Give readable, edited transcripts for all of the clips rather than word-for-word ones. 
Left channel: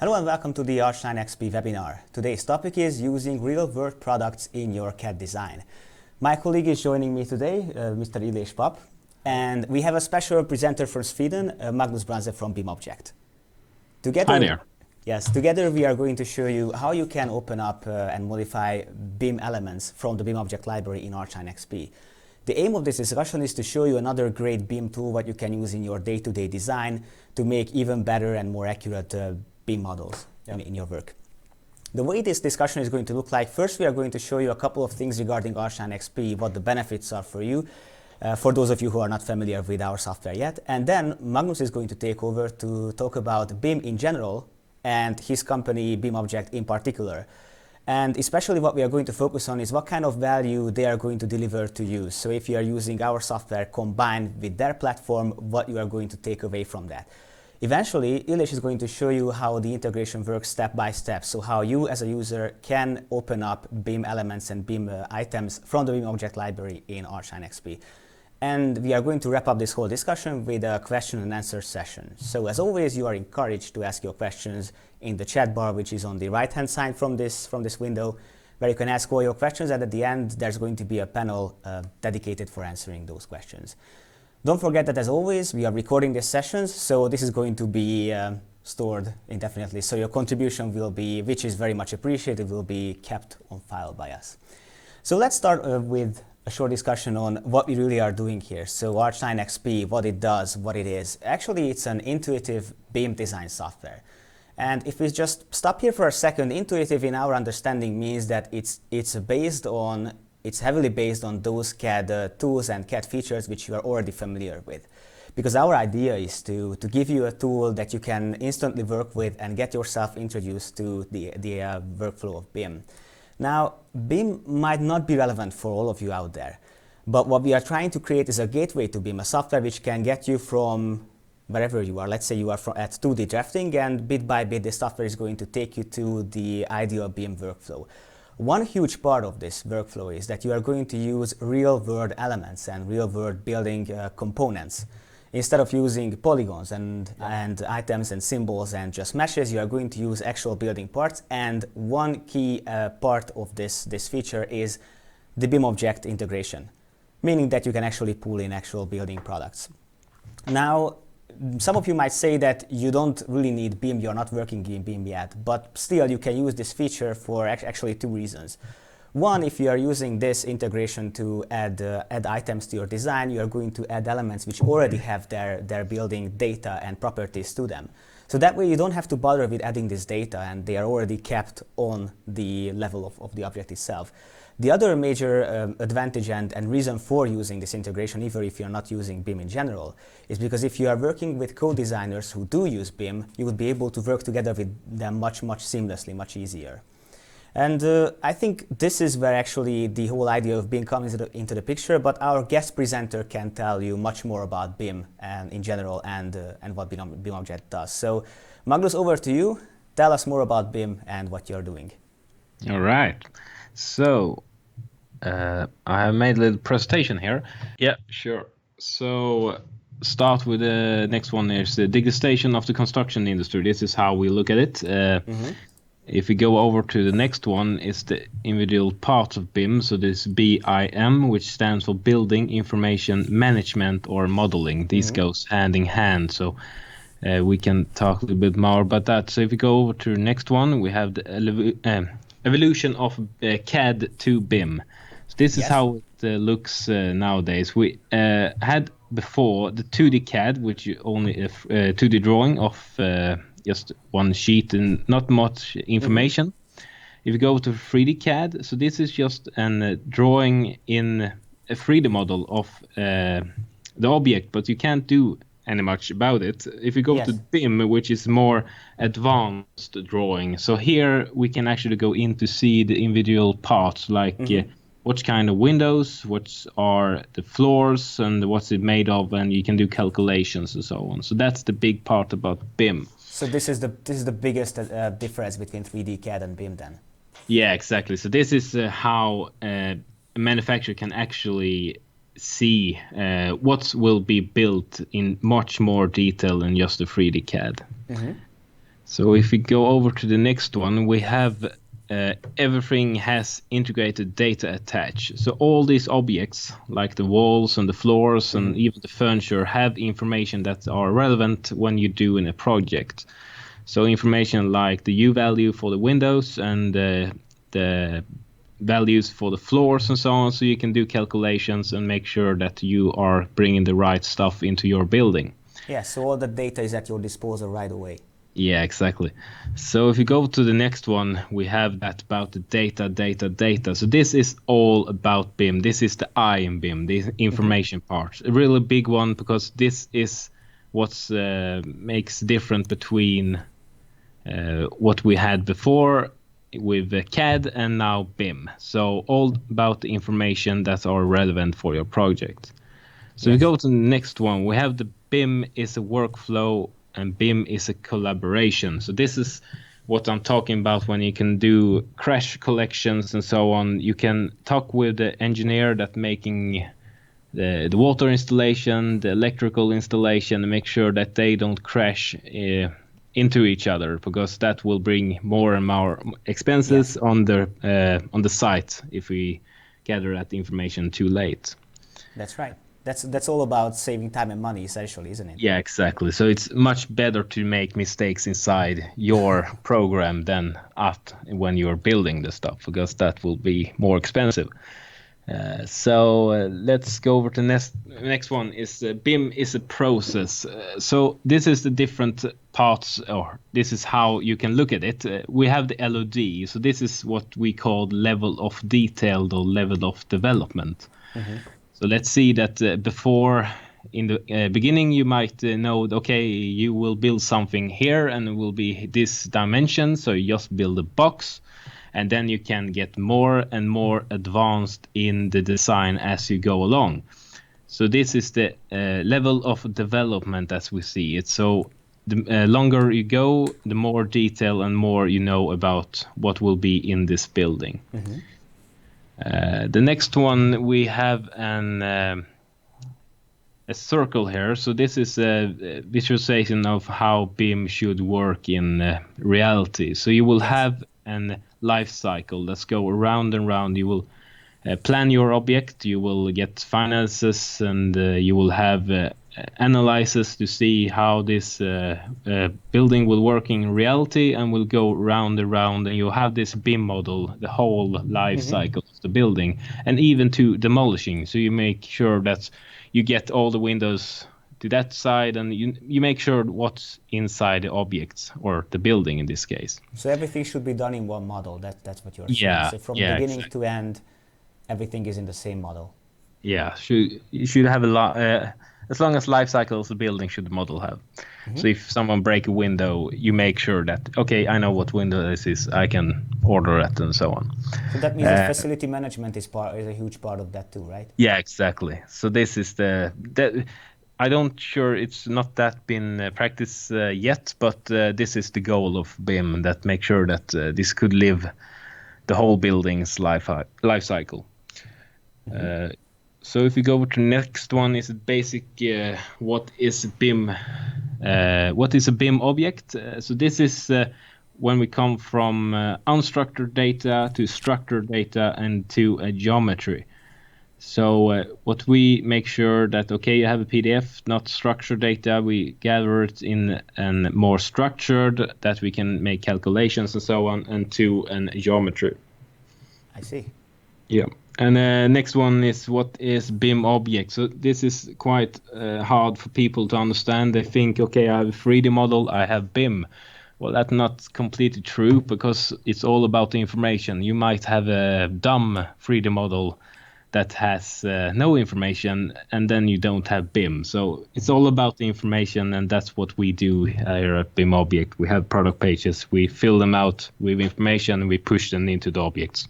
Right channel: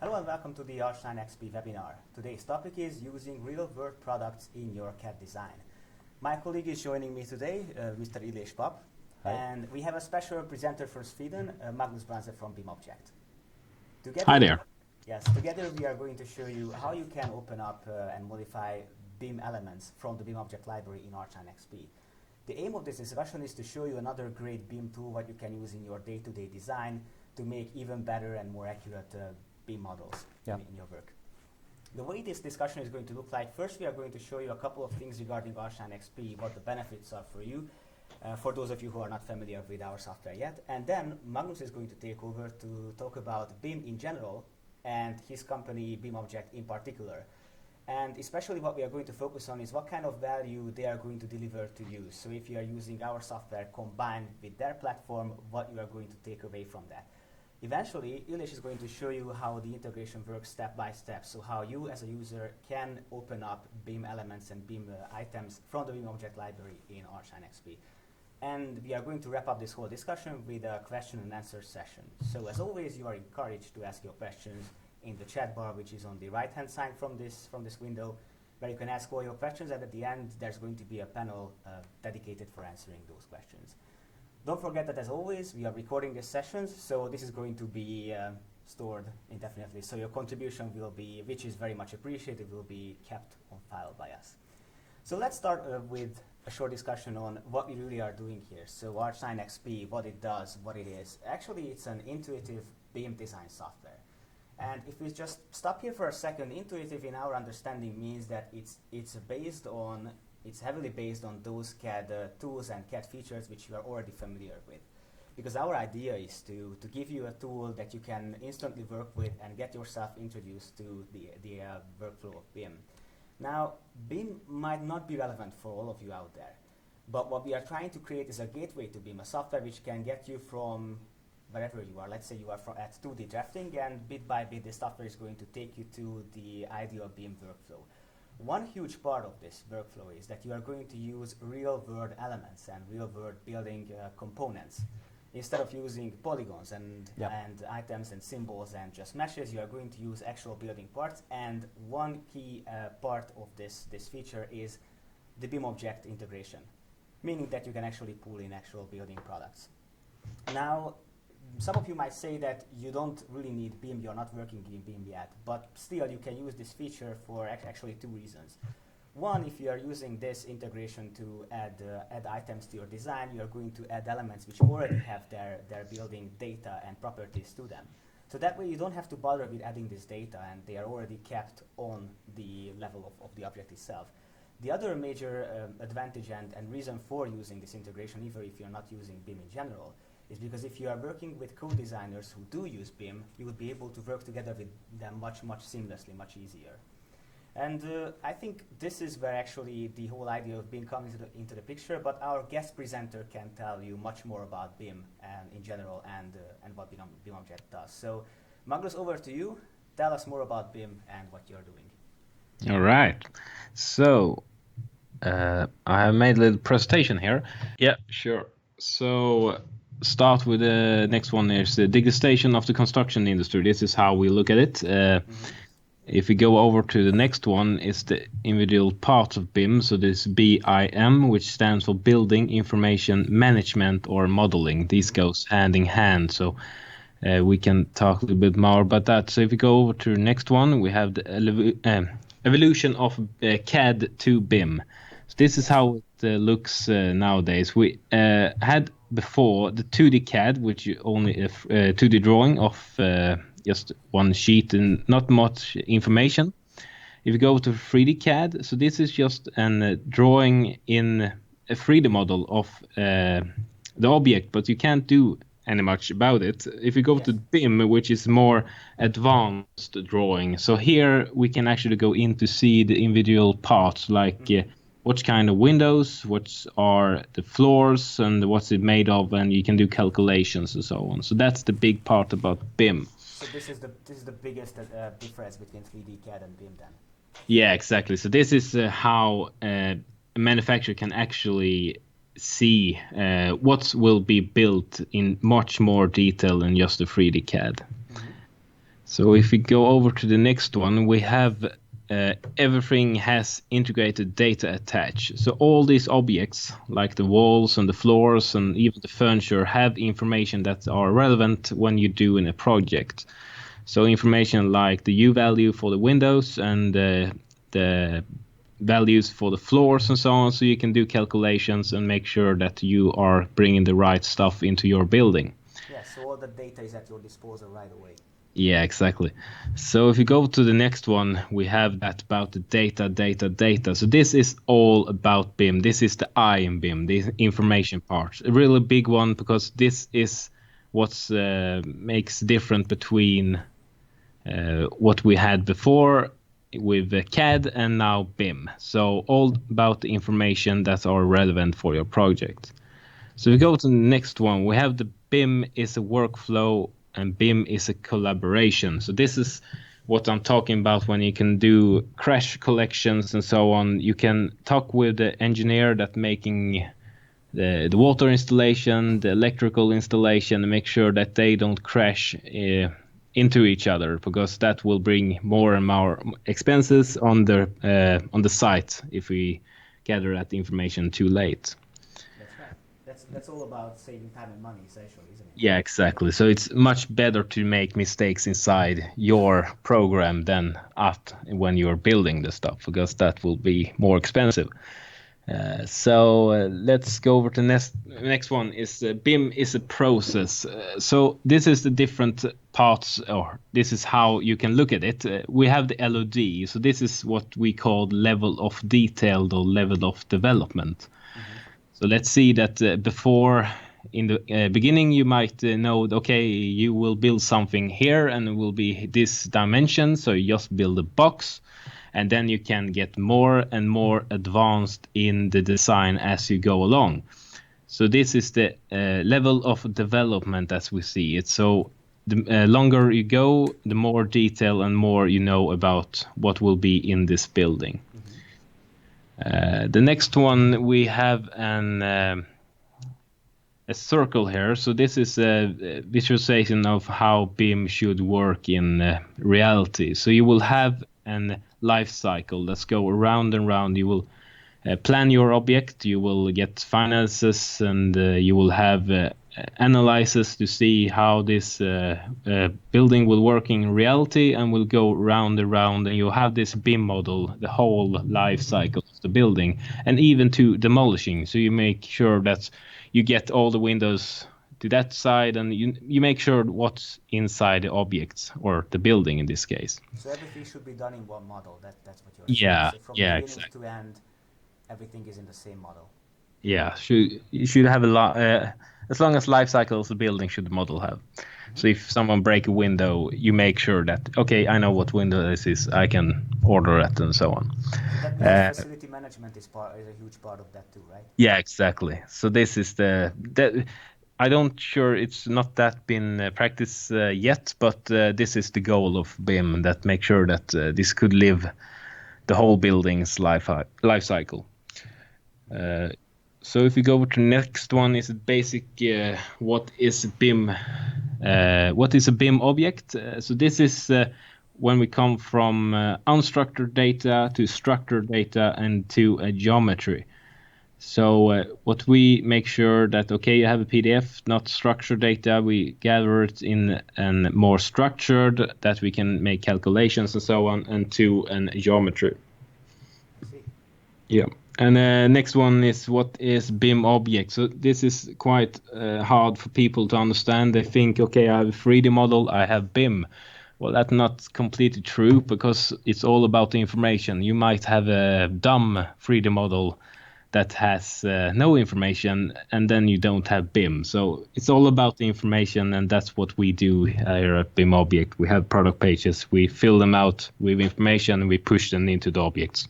Hello and welcome to the ARCHLine.XP webinar. Today's topic is using real-world products in your CAD design. My colleague is joining me today, Mr. Illés Pap, and we have a special presenter from Sweden, Magnus Branze from BIMobject. Hi there. Yes, together we are going to show you how you can open up and modify BIM elements from the BIMobject library in ARCHLine.XP. The aim of this discussion is to show you another great BIM tool what you can use in your day-to-day design to make even better and more accurate BIM models in your work. The way this discussion is going to look like, first we are going to show you a couple of things regarding ARCHLine.XP, what the benefits are for you, for those of you who are not familiar with our software yet. And then Magnus is going to take over to talk about BIM in general and his company BIMobject in particular. And especially what we are going to focus on is what kind of value they are going to deliver to you. So if you are using our software combined with their platform, what you are going to take away from that. Eventually, Illés is going to show you how the integration works step by step. So how you as a user can open up BIM elements and BIM items from the BIMobject library in ARCHLine.XP. And we are going to wrap up this whole discussion with a question and answer session. So as always, you are encouraged to ask your questions in the chat bar, which is on the right-hand side from this window, where you can ask all your questions, and at the end, there's going to be a panel dedicated for answering those questions. Don't forget that, as always, we are recording these sessions, so this is going to be stored indefinitely. So your contribution will be, which is very much appreciated, will be kept on file by us. So let's start with a short discussion on what we really are doing here. So ARCHLine.XP, what it does, what it is. Actually, it's an intuitive BIM design software. And if we just stop here for a second, intuitive in our understanding means that it's heavily based on those CAD tools and CAD features which you are already familiar with. Because our idea is to give you a tool that you can instantly work with and get yourself introduced to the workflow of BIM. Now, BIM might not be relevant for all of you out there, but what we are trying to create is a gateway to BIM, a software which can get you from wherever you are. Let's say you are at 2D drafting, and bit by bit the software is going to take you to the ideal BIM workflow. One huge part of this workflow is that you are going to use real-world elements and real-world building components. Instead of using polygons and items and symbols and just meshes, you are going to use actual building parts. And one key part of this feature is the BIMobject integration, meaning that you can actually pull in actual building products. Now, some of you might say that you don't really need BIM, you're not working in BIM yet, but still you can use this feature for actually two reasons. One, if you are using this integration to add items to your design, you are going to add elements which already have their building data and properties to them. So that way you don't have to bother with adding this data, and they are already kept on the level of the object itself. The other major advantage and reason for using this integration, even if you're not using BIM in general, is because if you are working with co-designers who do use BIM, you would be able to work together with them much seamlessly, much easier. And I think this is where actually the whole idea of BIM comes into the picture, but our guest presenter can tell you much more about BIM and in general and what BIMobject does. So Magnus, over to you. Tell us more about BIM and what you're doing. All right. So I have made a little presentation here. Yeah, sure. So start with the next one is the digitization of the construction industry. This is how we look at it. If we go over to the next one, is the individual parts of BIM. So this BIM, which stands for Building Information Management or Modeling. These goes hand in hand. So we can talk a little bit more about that. So if we go over to the next one, we have the evolution of Cad to Bim. So this is how it looks nowadays. We had before the 2D CAD, which you only 2D drawing of just one sheet and not much information. If you go to 3D CAD, so this is just a drawing in a 3D model of the object, but you can't do any much about it. If you go to BIM, which is more advanced drawing, so here we can actually go in to see the individual parts, like what kind of windows, what are the floors, and what's it made of, and you can do calculations and so on. So that's the big part about BIM. So this is the biggest difference between 3D CAD and BIM then? Yeah, exactly. So this is how a manufacturer can actually see what will be built in much more detail than just the 3D CAD. So if we go over to the next one, we have everything has integrated data attached. So all these objects, like the walls and the floors and even the furniture, have information that are relevant when you do in a project. So information like the U value for the windows and the values for the floors and so on, so you can do calculations and make sure that you are bringing the right stuff into your building. Yeah, so all the data is at your disposal right away. Yeah, exactly. So if you go to the next one, we have that about the data. So this is all about BIM. This is the I in BIM, the information part. A really big one, because this is what makes different between what we had before with CAD and now BIM. So all about the information that are relevant for your project. So we go to the next one. We have the BIM is a workflow and BIM is a collaboration. So this is what I'm talking about when you can do crash collections and so on. You can talk with the engineer that making the water installation, the electrical installation, and make sure that they don't crash into each other, because that will bring more and more expenses on the site if we gather that information too late. That's right. That's all about saving time and money, essentially, isn't it? Yeah, exactly. So it's much better to make mistakes inside your program than when you're building the stuff, because that will be more expensive. Let's go over to next one. Is BIM is a process. So this is the different parts, or this is how you can look at it. We have the LOD. So this is what we call level of detail or level of development. So let's see that before, in the beginning, you might know, okay, you will build something here and it will be this dimension. So you just build a box, and then you can get more and more advanced in the design as you go along. So this is the level of development as we see it. So the longer you go, the more detail and more you know about what will be in this building. The next one, we have a circle here. So this is a visualization of how BIM should work in reality. So you will have an life cycle that's go around and round. You will plan your object, you will get finances, and you will have analysis to see how this building will work in reality, and will go round and round, and you have this BIM model, the whole life cycle of the building, and even to demolishing. So you make sure that you get all the windows to that side, and you make sure what's inside the objects, or the building in this case. So everything should be done in one model. That's what you're saying. So from beginning to end, everything is in the same model. Yeah, you should have a lot. As long as life cycles the building should the model have. So if someone break a window, you make sure that, okay, I know what window this is, I can order it, and so on. So that means that facility management is a huge part of that too, right? Yeah, exactly. So this is I don't sure it's not that been practiced yet, but this is the goal of BIM, that make sure that this could live the whole building's life cycle. So if you go over to the next one, is basic what is BIM? What is a BIM object? So this is when we come from unstructured data to structured data and to a geometry. So what we make sure that, okay, you have a PDF, not structured data, we gather it in and more structured, that we can make calculations and so on, and to a geometry. I see. Yeah. And next one is what is BIMobject. So this is quite hard for people to understand. They think, okay, I have a 3D model, I have BIM. Well, that's not completely true, because it's all about the information. You might have a dumb 3D model that has no information, and then you don't have BIM. So it's all about the information, and that's what we do here at BIMobject. We have product pages, we fill them out with information, and we push them into the objects.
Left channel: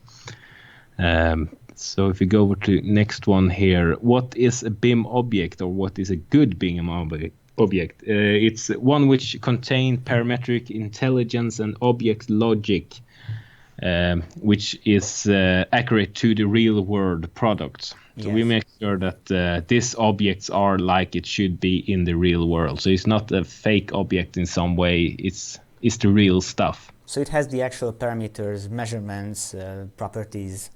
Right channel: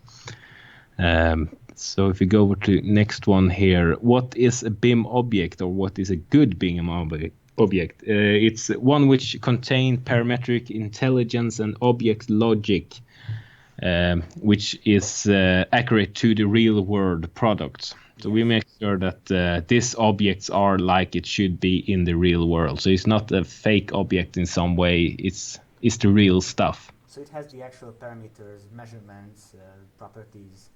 So if you go over to next one here, what is a BIM object, or what is a good BIM object? It's one which contains parametric intelligence and object logic, which is accurate to the real world products. So we make sure that these objects are like it should be in the real world. So it's not a fake object in some way. It's is the real stuff. So it has the actual parameters, measurements, properties.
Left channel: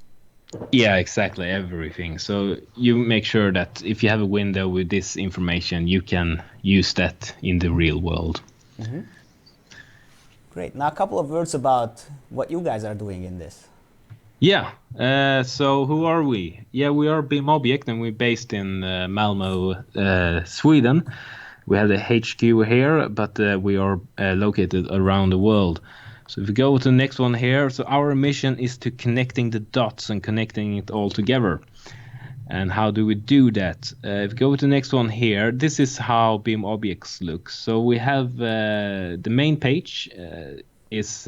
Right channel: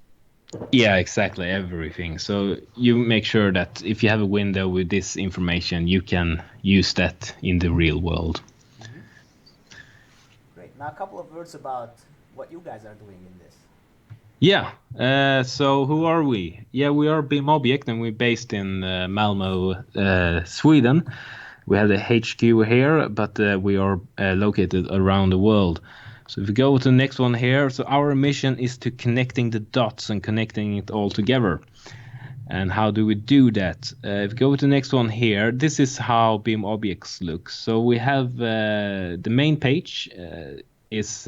Yeah, exactly, everything. So you make sure that if you have a window with this information, you can use that in the real world. Mm-hmm. Great. Now a couple of words about what you guys are doing in this. Yeah. So who are we? Yeah, we are BIMobject, and we're based in Malmo, Sweden. We have the HQ here, but we are located around the world. So if we go to the next one here, so our mission is to connecting the dots and connecting it all together. And how do we do that? If we go to the next one here, this is how BIM objects look. So we have the main page is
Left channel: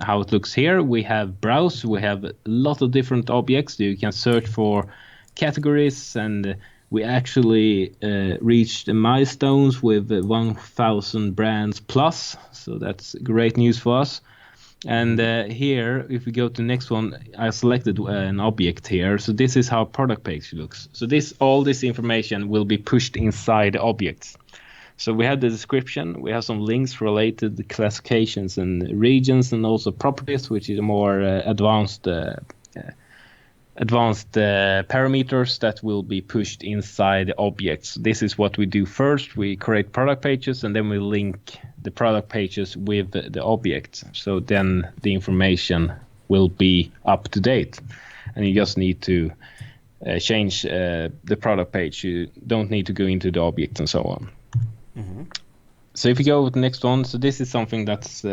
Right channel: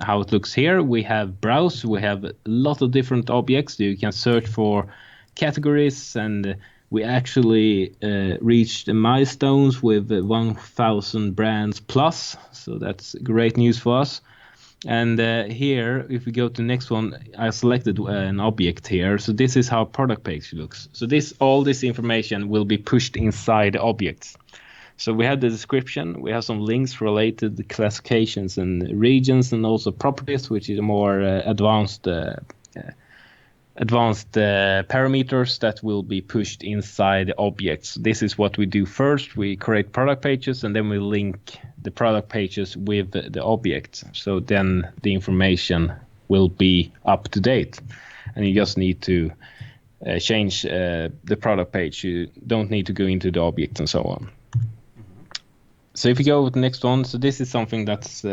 how it looks here. We have browse. We have a lot of different objects. You can search for categories, and we actually reached the milestones with 1,000 brands plus. So that's great news for us. And here, if we go to the next one, I selected an object here. So this is how product page looks. So all this information will be pushed inside the objects. So we have the description, we have some links related to classifications and regions, and also properties, which is more advanced parameters that will be pushed inside the objects. This is what we do first. We create product pages, and then we link the product pages with the objects. So then the information will be up to date, and you just need to change the product page. You don't need to go into the object and so on. Mm-hmm. So if you go with the next one, so this is something that's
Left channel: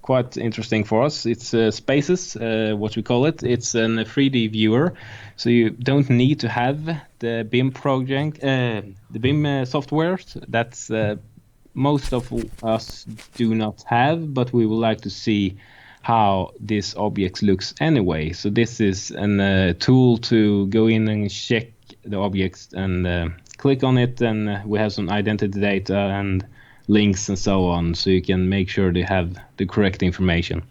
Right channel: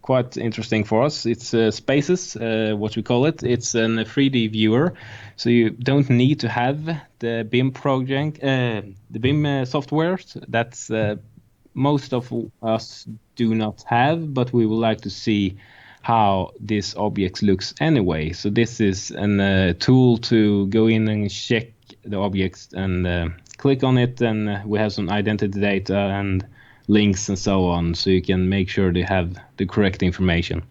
quite interesting for us. It's Spaces, what we call it. It's a 3D viewer, so you don't need to have the BIM project, the BIM software. That's most of us do not have, but we would like to see how this object looks anyway. So this is a tool to go in and check the objects and click on it, and we have some identity data and links and so on, so you can make sure they have the correct information.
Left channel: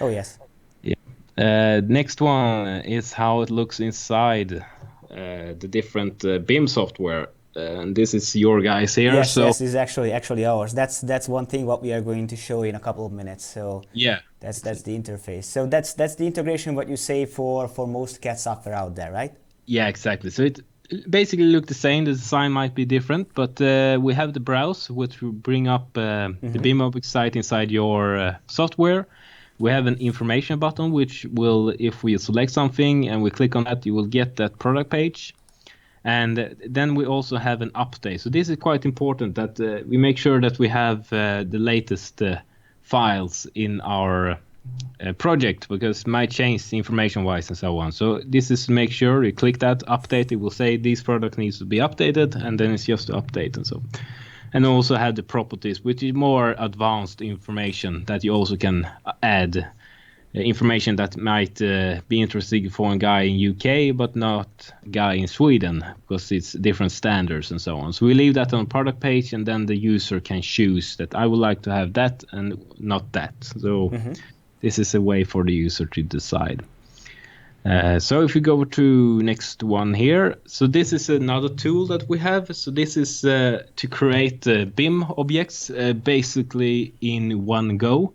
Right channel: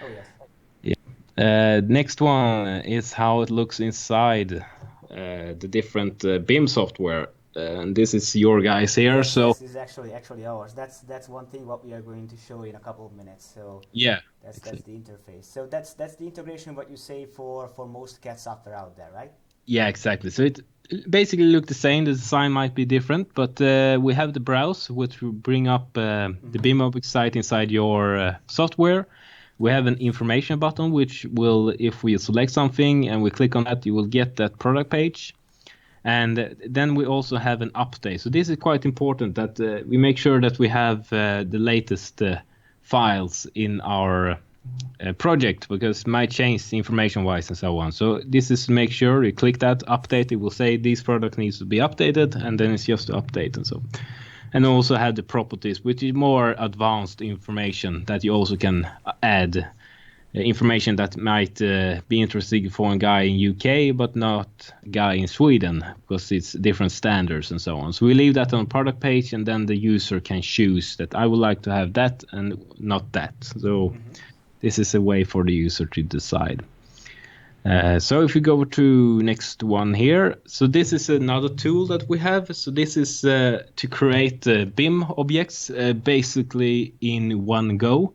Oh yes. Yeah. Next one is how it looks inside the different BIM software. And this is your guys here. Yes, so this is actually ours. That's one thing what we are going to show in a couple of minutes. So yeah, that's the interface. So that's the integration what you say for most CAD software out there, right? Yeah, exactly. So it basically look the same. The design might be different, but we have the browse, which will bring up the BIMobject site inside your software. We have an information button, which will, if we select something and we click on that, you will get that product page. And then we also have an update. So this is quite important that we make sure that we have the latest files in our project, because it might change information-wise and so on. So this is to make sure you click that update. It will say this product needs to be updated, and then it's just to update and so on. And also have the properties, which is more advanced information that you also can add. Information that might be interesting for a guy in UK, but not a guy in Sweden, because it's different standards and so on. So we leave that on product page, and then the user can choose that I would like to have that and not that. So this is a way for the user to decide. So if we go to next one here, so this is another tool that we have. So this is to create BIM objects basically in one go.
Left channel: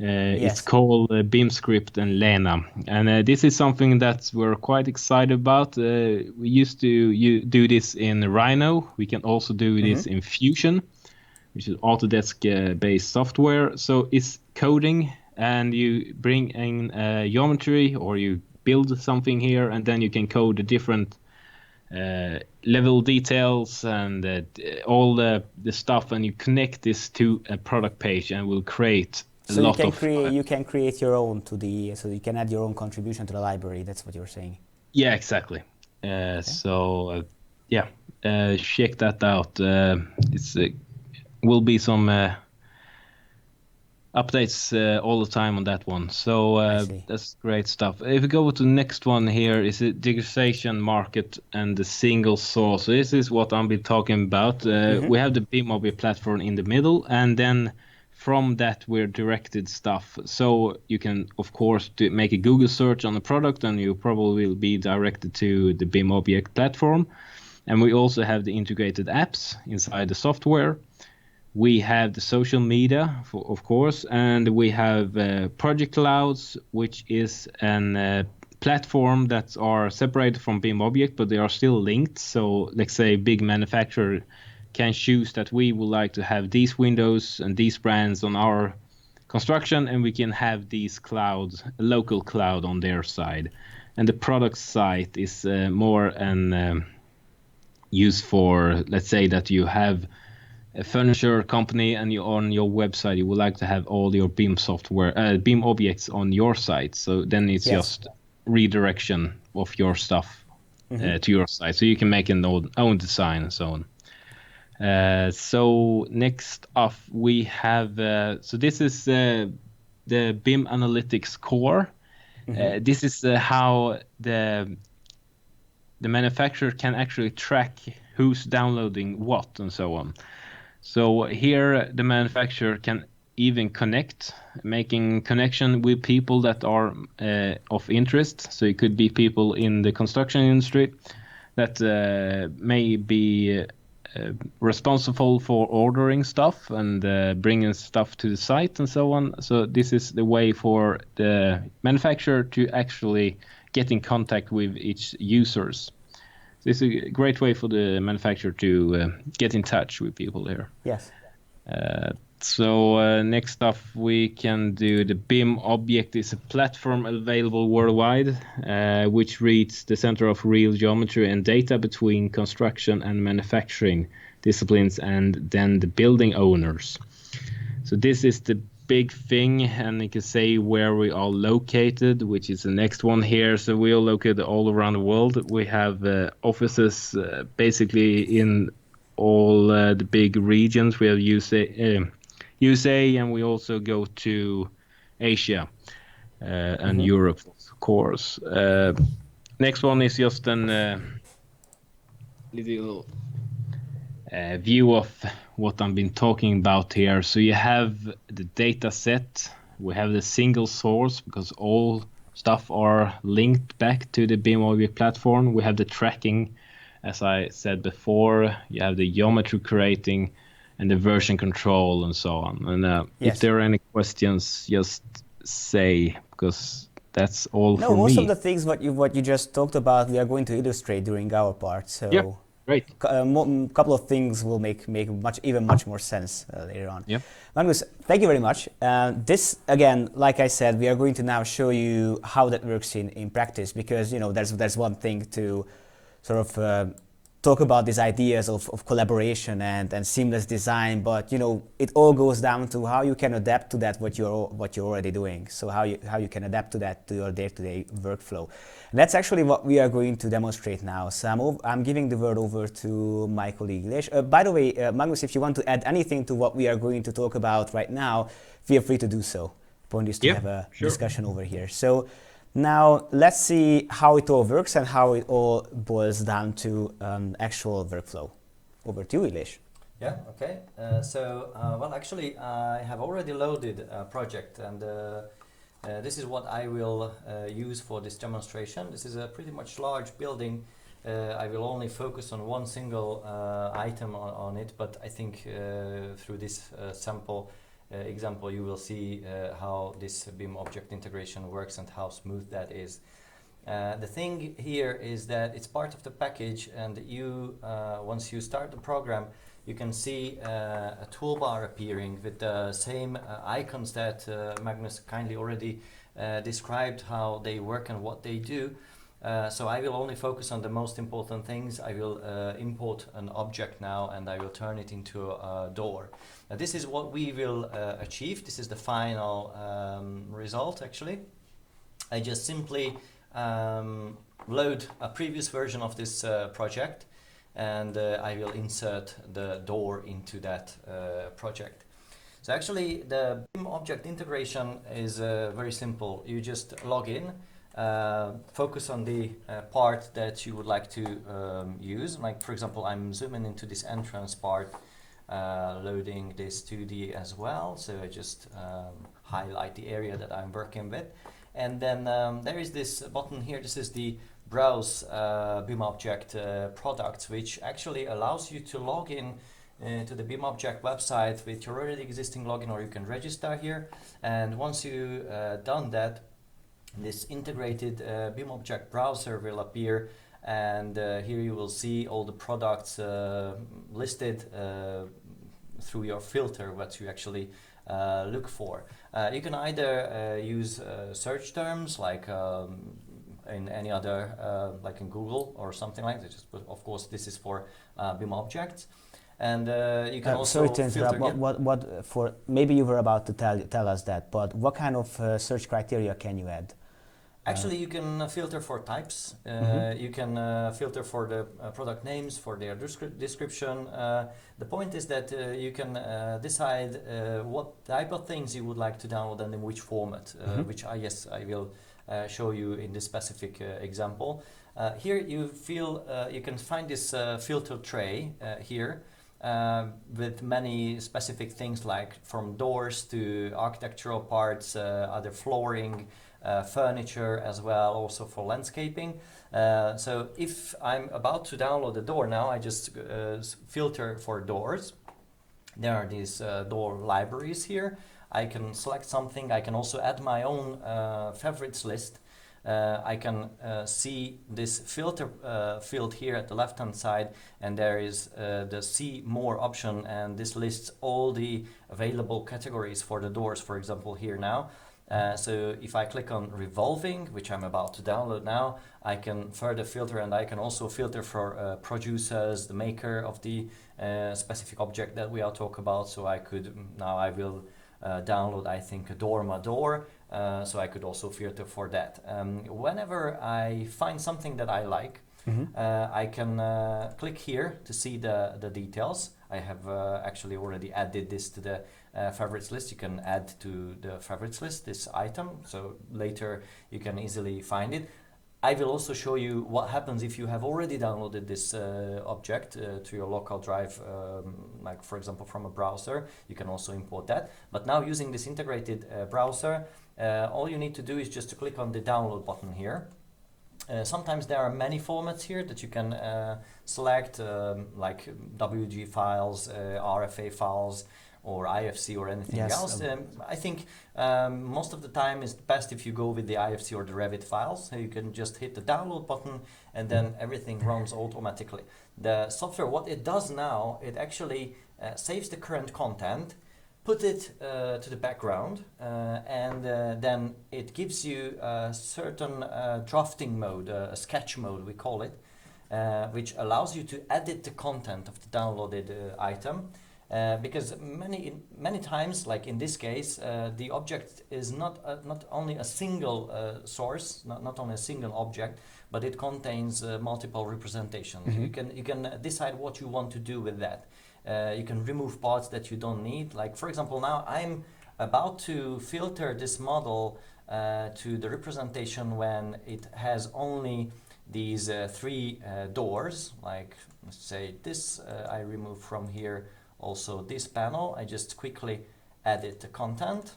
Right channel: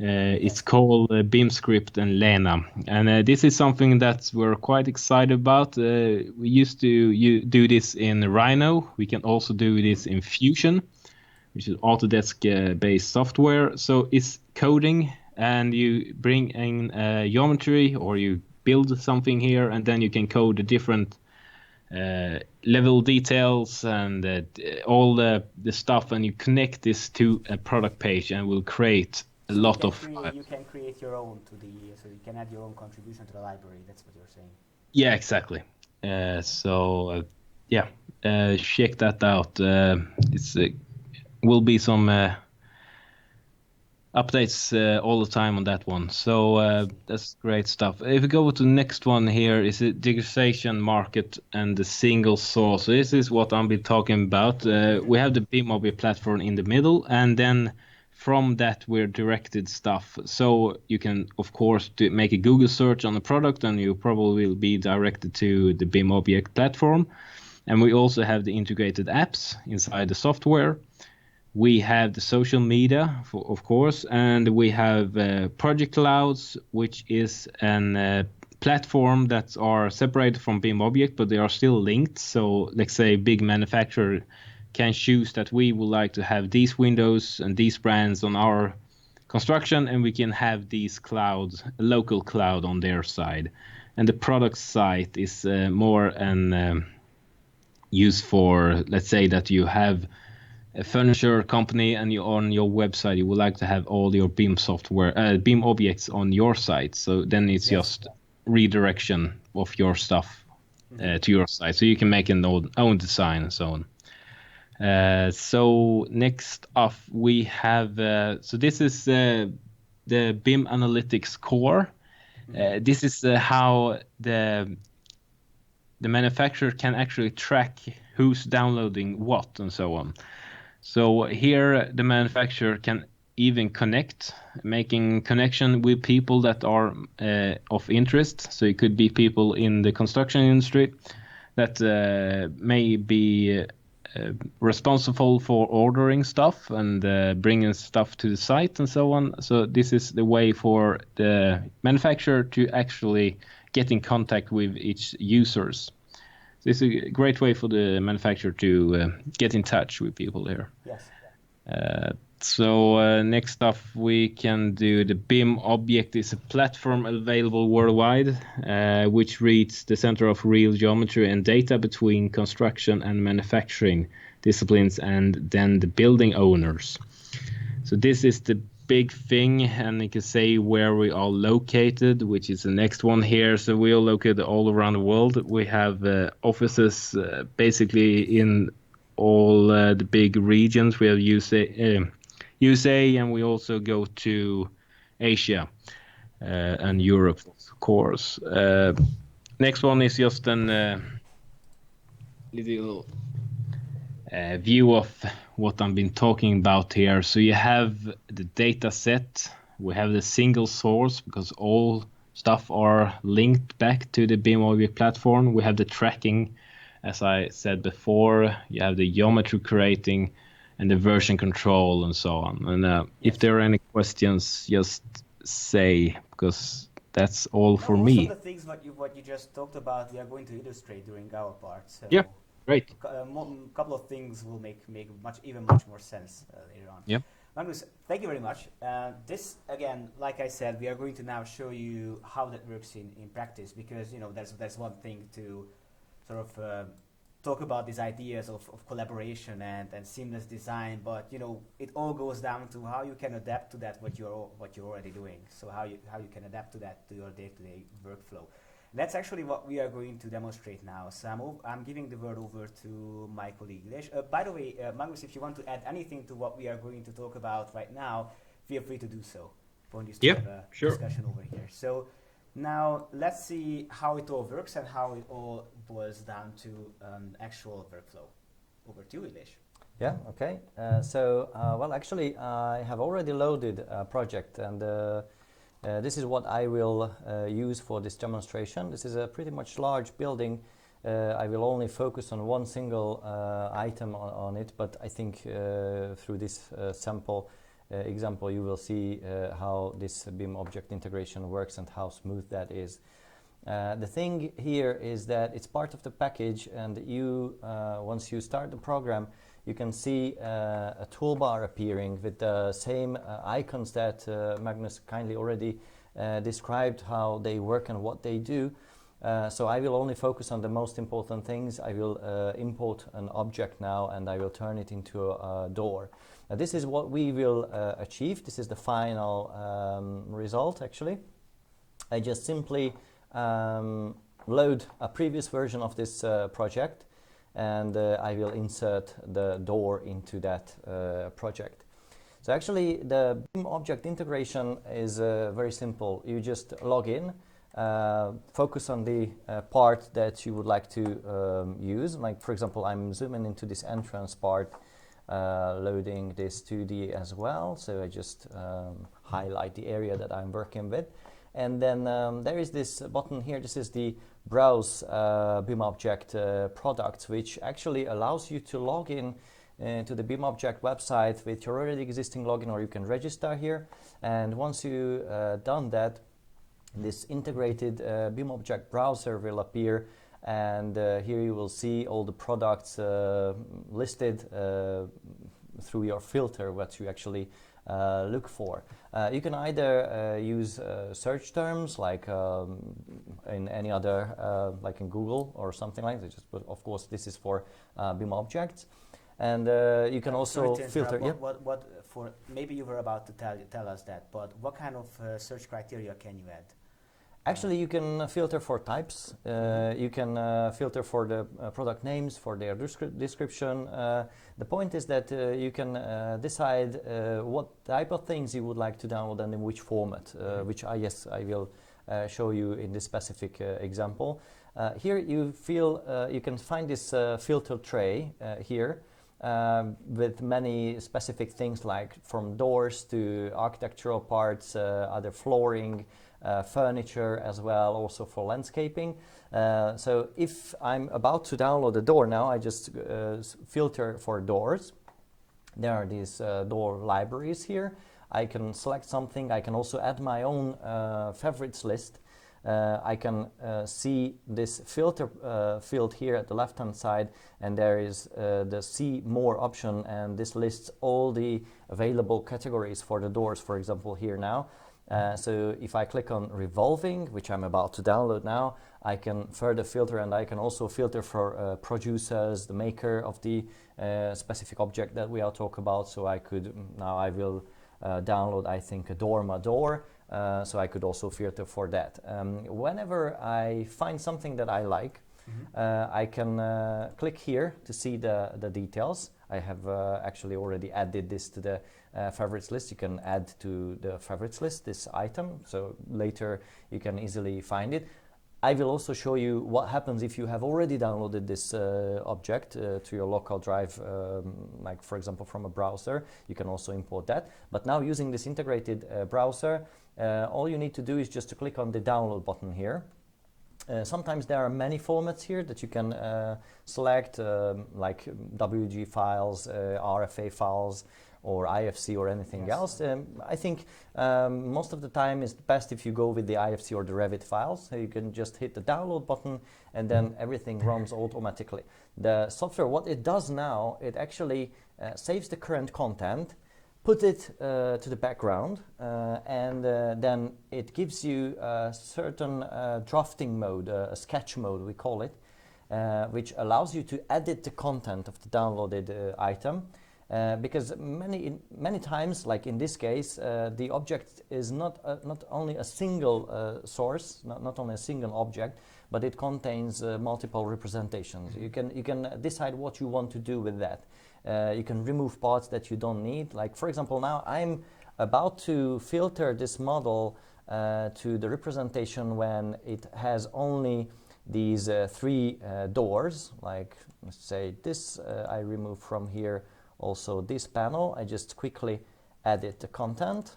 Yes. It's called BIM script and Lena, and this is something that we're quite excited about. We used to do this in Rhino. We can also do this in Fusion, which is Autodesk based software. So it's coding, and you bring in geometry, or you build something here, and then you can code the different level details and all the stuff, and you connect this to a product page, and will create so you can create your own so you can add your own contribution to the library. That's what you're saying. Yeah, exactly. So check that out. It's will be some updates all the time on that one. So that's great stuff. If we go to the next one here, is the digitization market and the single source. So this is what I've been talking about. We have the BIMobject platform in the middle, and then from that we're directed stuff. So you can, of course, make a Google search on the product, and you probably will be directed to the BIMobject platform. And we also have the integrated apps inside the software. We have the social media, of course, and we have project clouds, which is an platform that are separated from BIMobject, but they are still linked. So let's say big manufacturer can choose that we would like to have these windows and these brands on our construction, and we can have these clouds, a local cloud on their side. And the product site is more an use for, let's say that you have a furniture company and you on your website you would like to have all your BIM software, BIM objects on your site. So then it's just redirection of your stuff to your site. So you can make an own design and so on. So next up we have, so this is the Bim Analytics Core. This is how the manufacturer can actually track who's downloading what and so on. So here the manufacturer can even making connection with people that are of interest. So it could be people in the construction industry that may be responsible for ordering stuff and bringing stuff to the site and so on. So this is the way for the manufacturer to actually get in contact with its users. This is a great way for the manufacturer to get in touch with people here. Yes. So next up we can do the BIMobject is a platform available worldwide, which reads the center of real geometry and data between construction and manufacturing disciplines and then the building owners. So this is the big thing, and you can say where we are located, which is the next one here. So we are located all around the world. We have offices basically in all the big regions. We have USA, and we also go to Asia and Europe, of course. Next one is just an little view of what I've been talking about here. So you have the data set, we have the single source because all stuff are linked back to the BIMobject platform. We have the tracking, as I said before, you have the geometry creating and the version control and so on. And if there are any questions, just say, because that's all for me. Most of the things what you just talked about, we are going to illustrate during our part. So yeah, great. Couple of things will make much more sense later on. Yeah. Magnus, thank you very much. This again, like I said, we are going to now show you how that works in practice, because there's one thing to sort of talk about these ideas of collaboration and seamless design, but it all goes down to how you can adapt to that what you're already doing. So how you can adapt to that to your day-to-day workflow. And that's actually what we are going to demonstrate now. So I'm giving the word over to my colleague Lesh. By the way, Magnus, if you want to add anything to what we are going to talk about right now, feel free to do so. Point is to have a discussion over here. So now let's see how it all works and how it all boils down to actual workflow. Over to you, Elish. Yeah, okay. Well, actually, I have already loaded a project, and this is what I will use for this demonstration. This is a pretty much large building. I will only focus on one single item on it, but I think through this sample example you will see how this BIMobject integration works and how smooth that is. The thing here is that it's part of the package, and you once you start the program, you can see a toolbar appearing with the same icons that Magnus kindly already described how they work and what they do. So I will only focus on the most important things. I will import an object now, and I will turn it into a door. Now this is what we will achieve. This is the final result actually. I just simply load a previous version of this project, and I will insert the door into that project. So actually the BIMobject integration is very simple. You just log in, focus on the part that you would like to use. Like for example, I'm zooming into this entrance part, loading this 2D as well. So I just highlight the area that I'm working with. And then there is this button here. This is the Browse BIMobject products, which actually allows you to log in to the BIMobject website with your already existing login, or you can register here. And once you done that, this integrated BIMobject browser will appear, and here you will see all the products listed through your filter, what you actually look for. You can either use search terms like in any other, like in Google or something like that, but of course this is for BIMobjects. And you can also filter. What for? Maybe you were about to tell us that, but what kind of search criteria can you add? Actually, you can filter for types. You can filter for the product names, for their description. The point is that you can decide what type of things you would like to download and in which format, which I will show you in this specific example. Here you can find this filter tray here with many specific things, like from doors to architectural parts, other flooring, furniture as well, also for landscaping. So if I'm about to download a door now, I just filter for doors. There are these door libraries here. I can select something. I can also add my own favorites list. I can see this filter field here at the left hand side, and there is the see more option, and this lists all the available categories for the doors, for example, here now. So if I click on revolving, which I'm about to download now, I can further filter, and I can also filter for producers, the maker of the specific object that we are talking about. So I will download, I think, a Dorma door. So I could also filter for that. Whenever I find something that I like, I can click here to see the details. I have actually already added this to the favorites list. You can add to the favorites list this item, so later you can easily find it. I will also show you what happens if you have already downloaded this object to your local drive, like for example from a browser. You can also import that. But now using this integrated browser, all you need to do is just to click on the download button here. Sometimes there are many formats here that you can select, like WG files, RFA files, or IFC or anything else. I think most of the time it's best if you go with the IFC or the Revit files. So you can just hit the download button and then everything runs automatically. The software, what it does now, it actually saves the current content, put it to the background, and then it gives you a certain drafting mode, a sketch mode we call it, which allows you to edit the content of the downloaded item. Because many times, like in this case, the object is not only a single source, not only a single object, but it contains multiple representations. You can decide what you want to do with that. You can remove parts that you don't need. Like for example, now I'm about to filter this model to the representation when it has only these three doors. Like let's say this, I remove from here. Also this panel, I just quickly edit the content.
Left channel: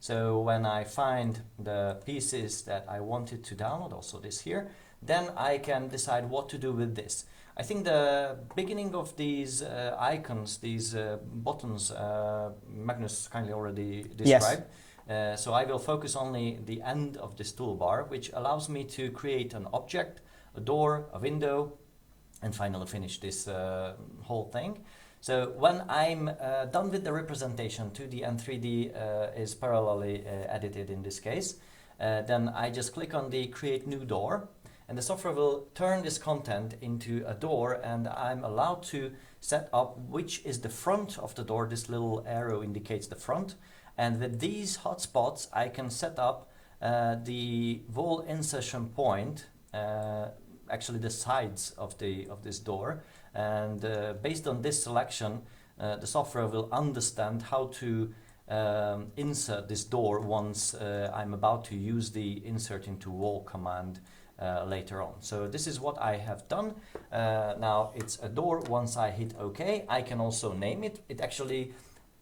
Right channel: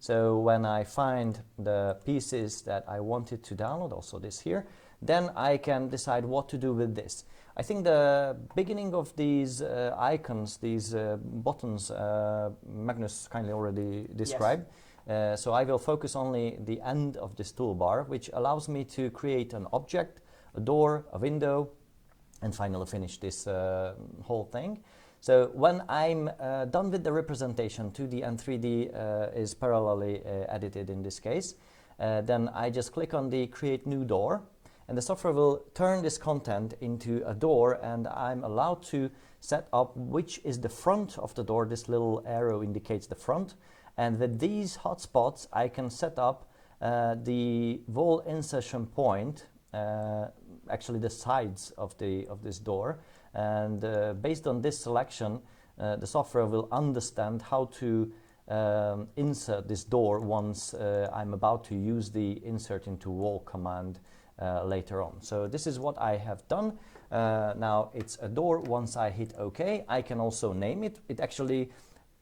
So when I find the pieces that I wanted to download, also this here, then I can decide what to do with this. I think the beginning of these icons, these buttons, Magnus kindly already described. Yes. So I will focus only the end of this toolbar, which allows me to create an object, a door, a window, and finally finish this whole thing. So when I'm done with the representation, 2D and 3D is parallelly edited in this case, then I just click on the create new door, and the software will turn this content into a door, and I'm allowed to set up which is the front of the door. This little arrow indicates the front, and with these hotspots I can set up the wall insertion point, actually the sides of this door. And based on this selection, the software will understand how to insert this door once I'm about to use the insert into wall command later on. So this is what I have done. Now it's a door. Once I hit OK, I can also name it. It actually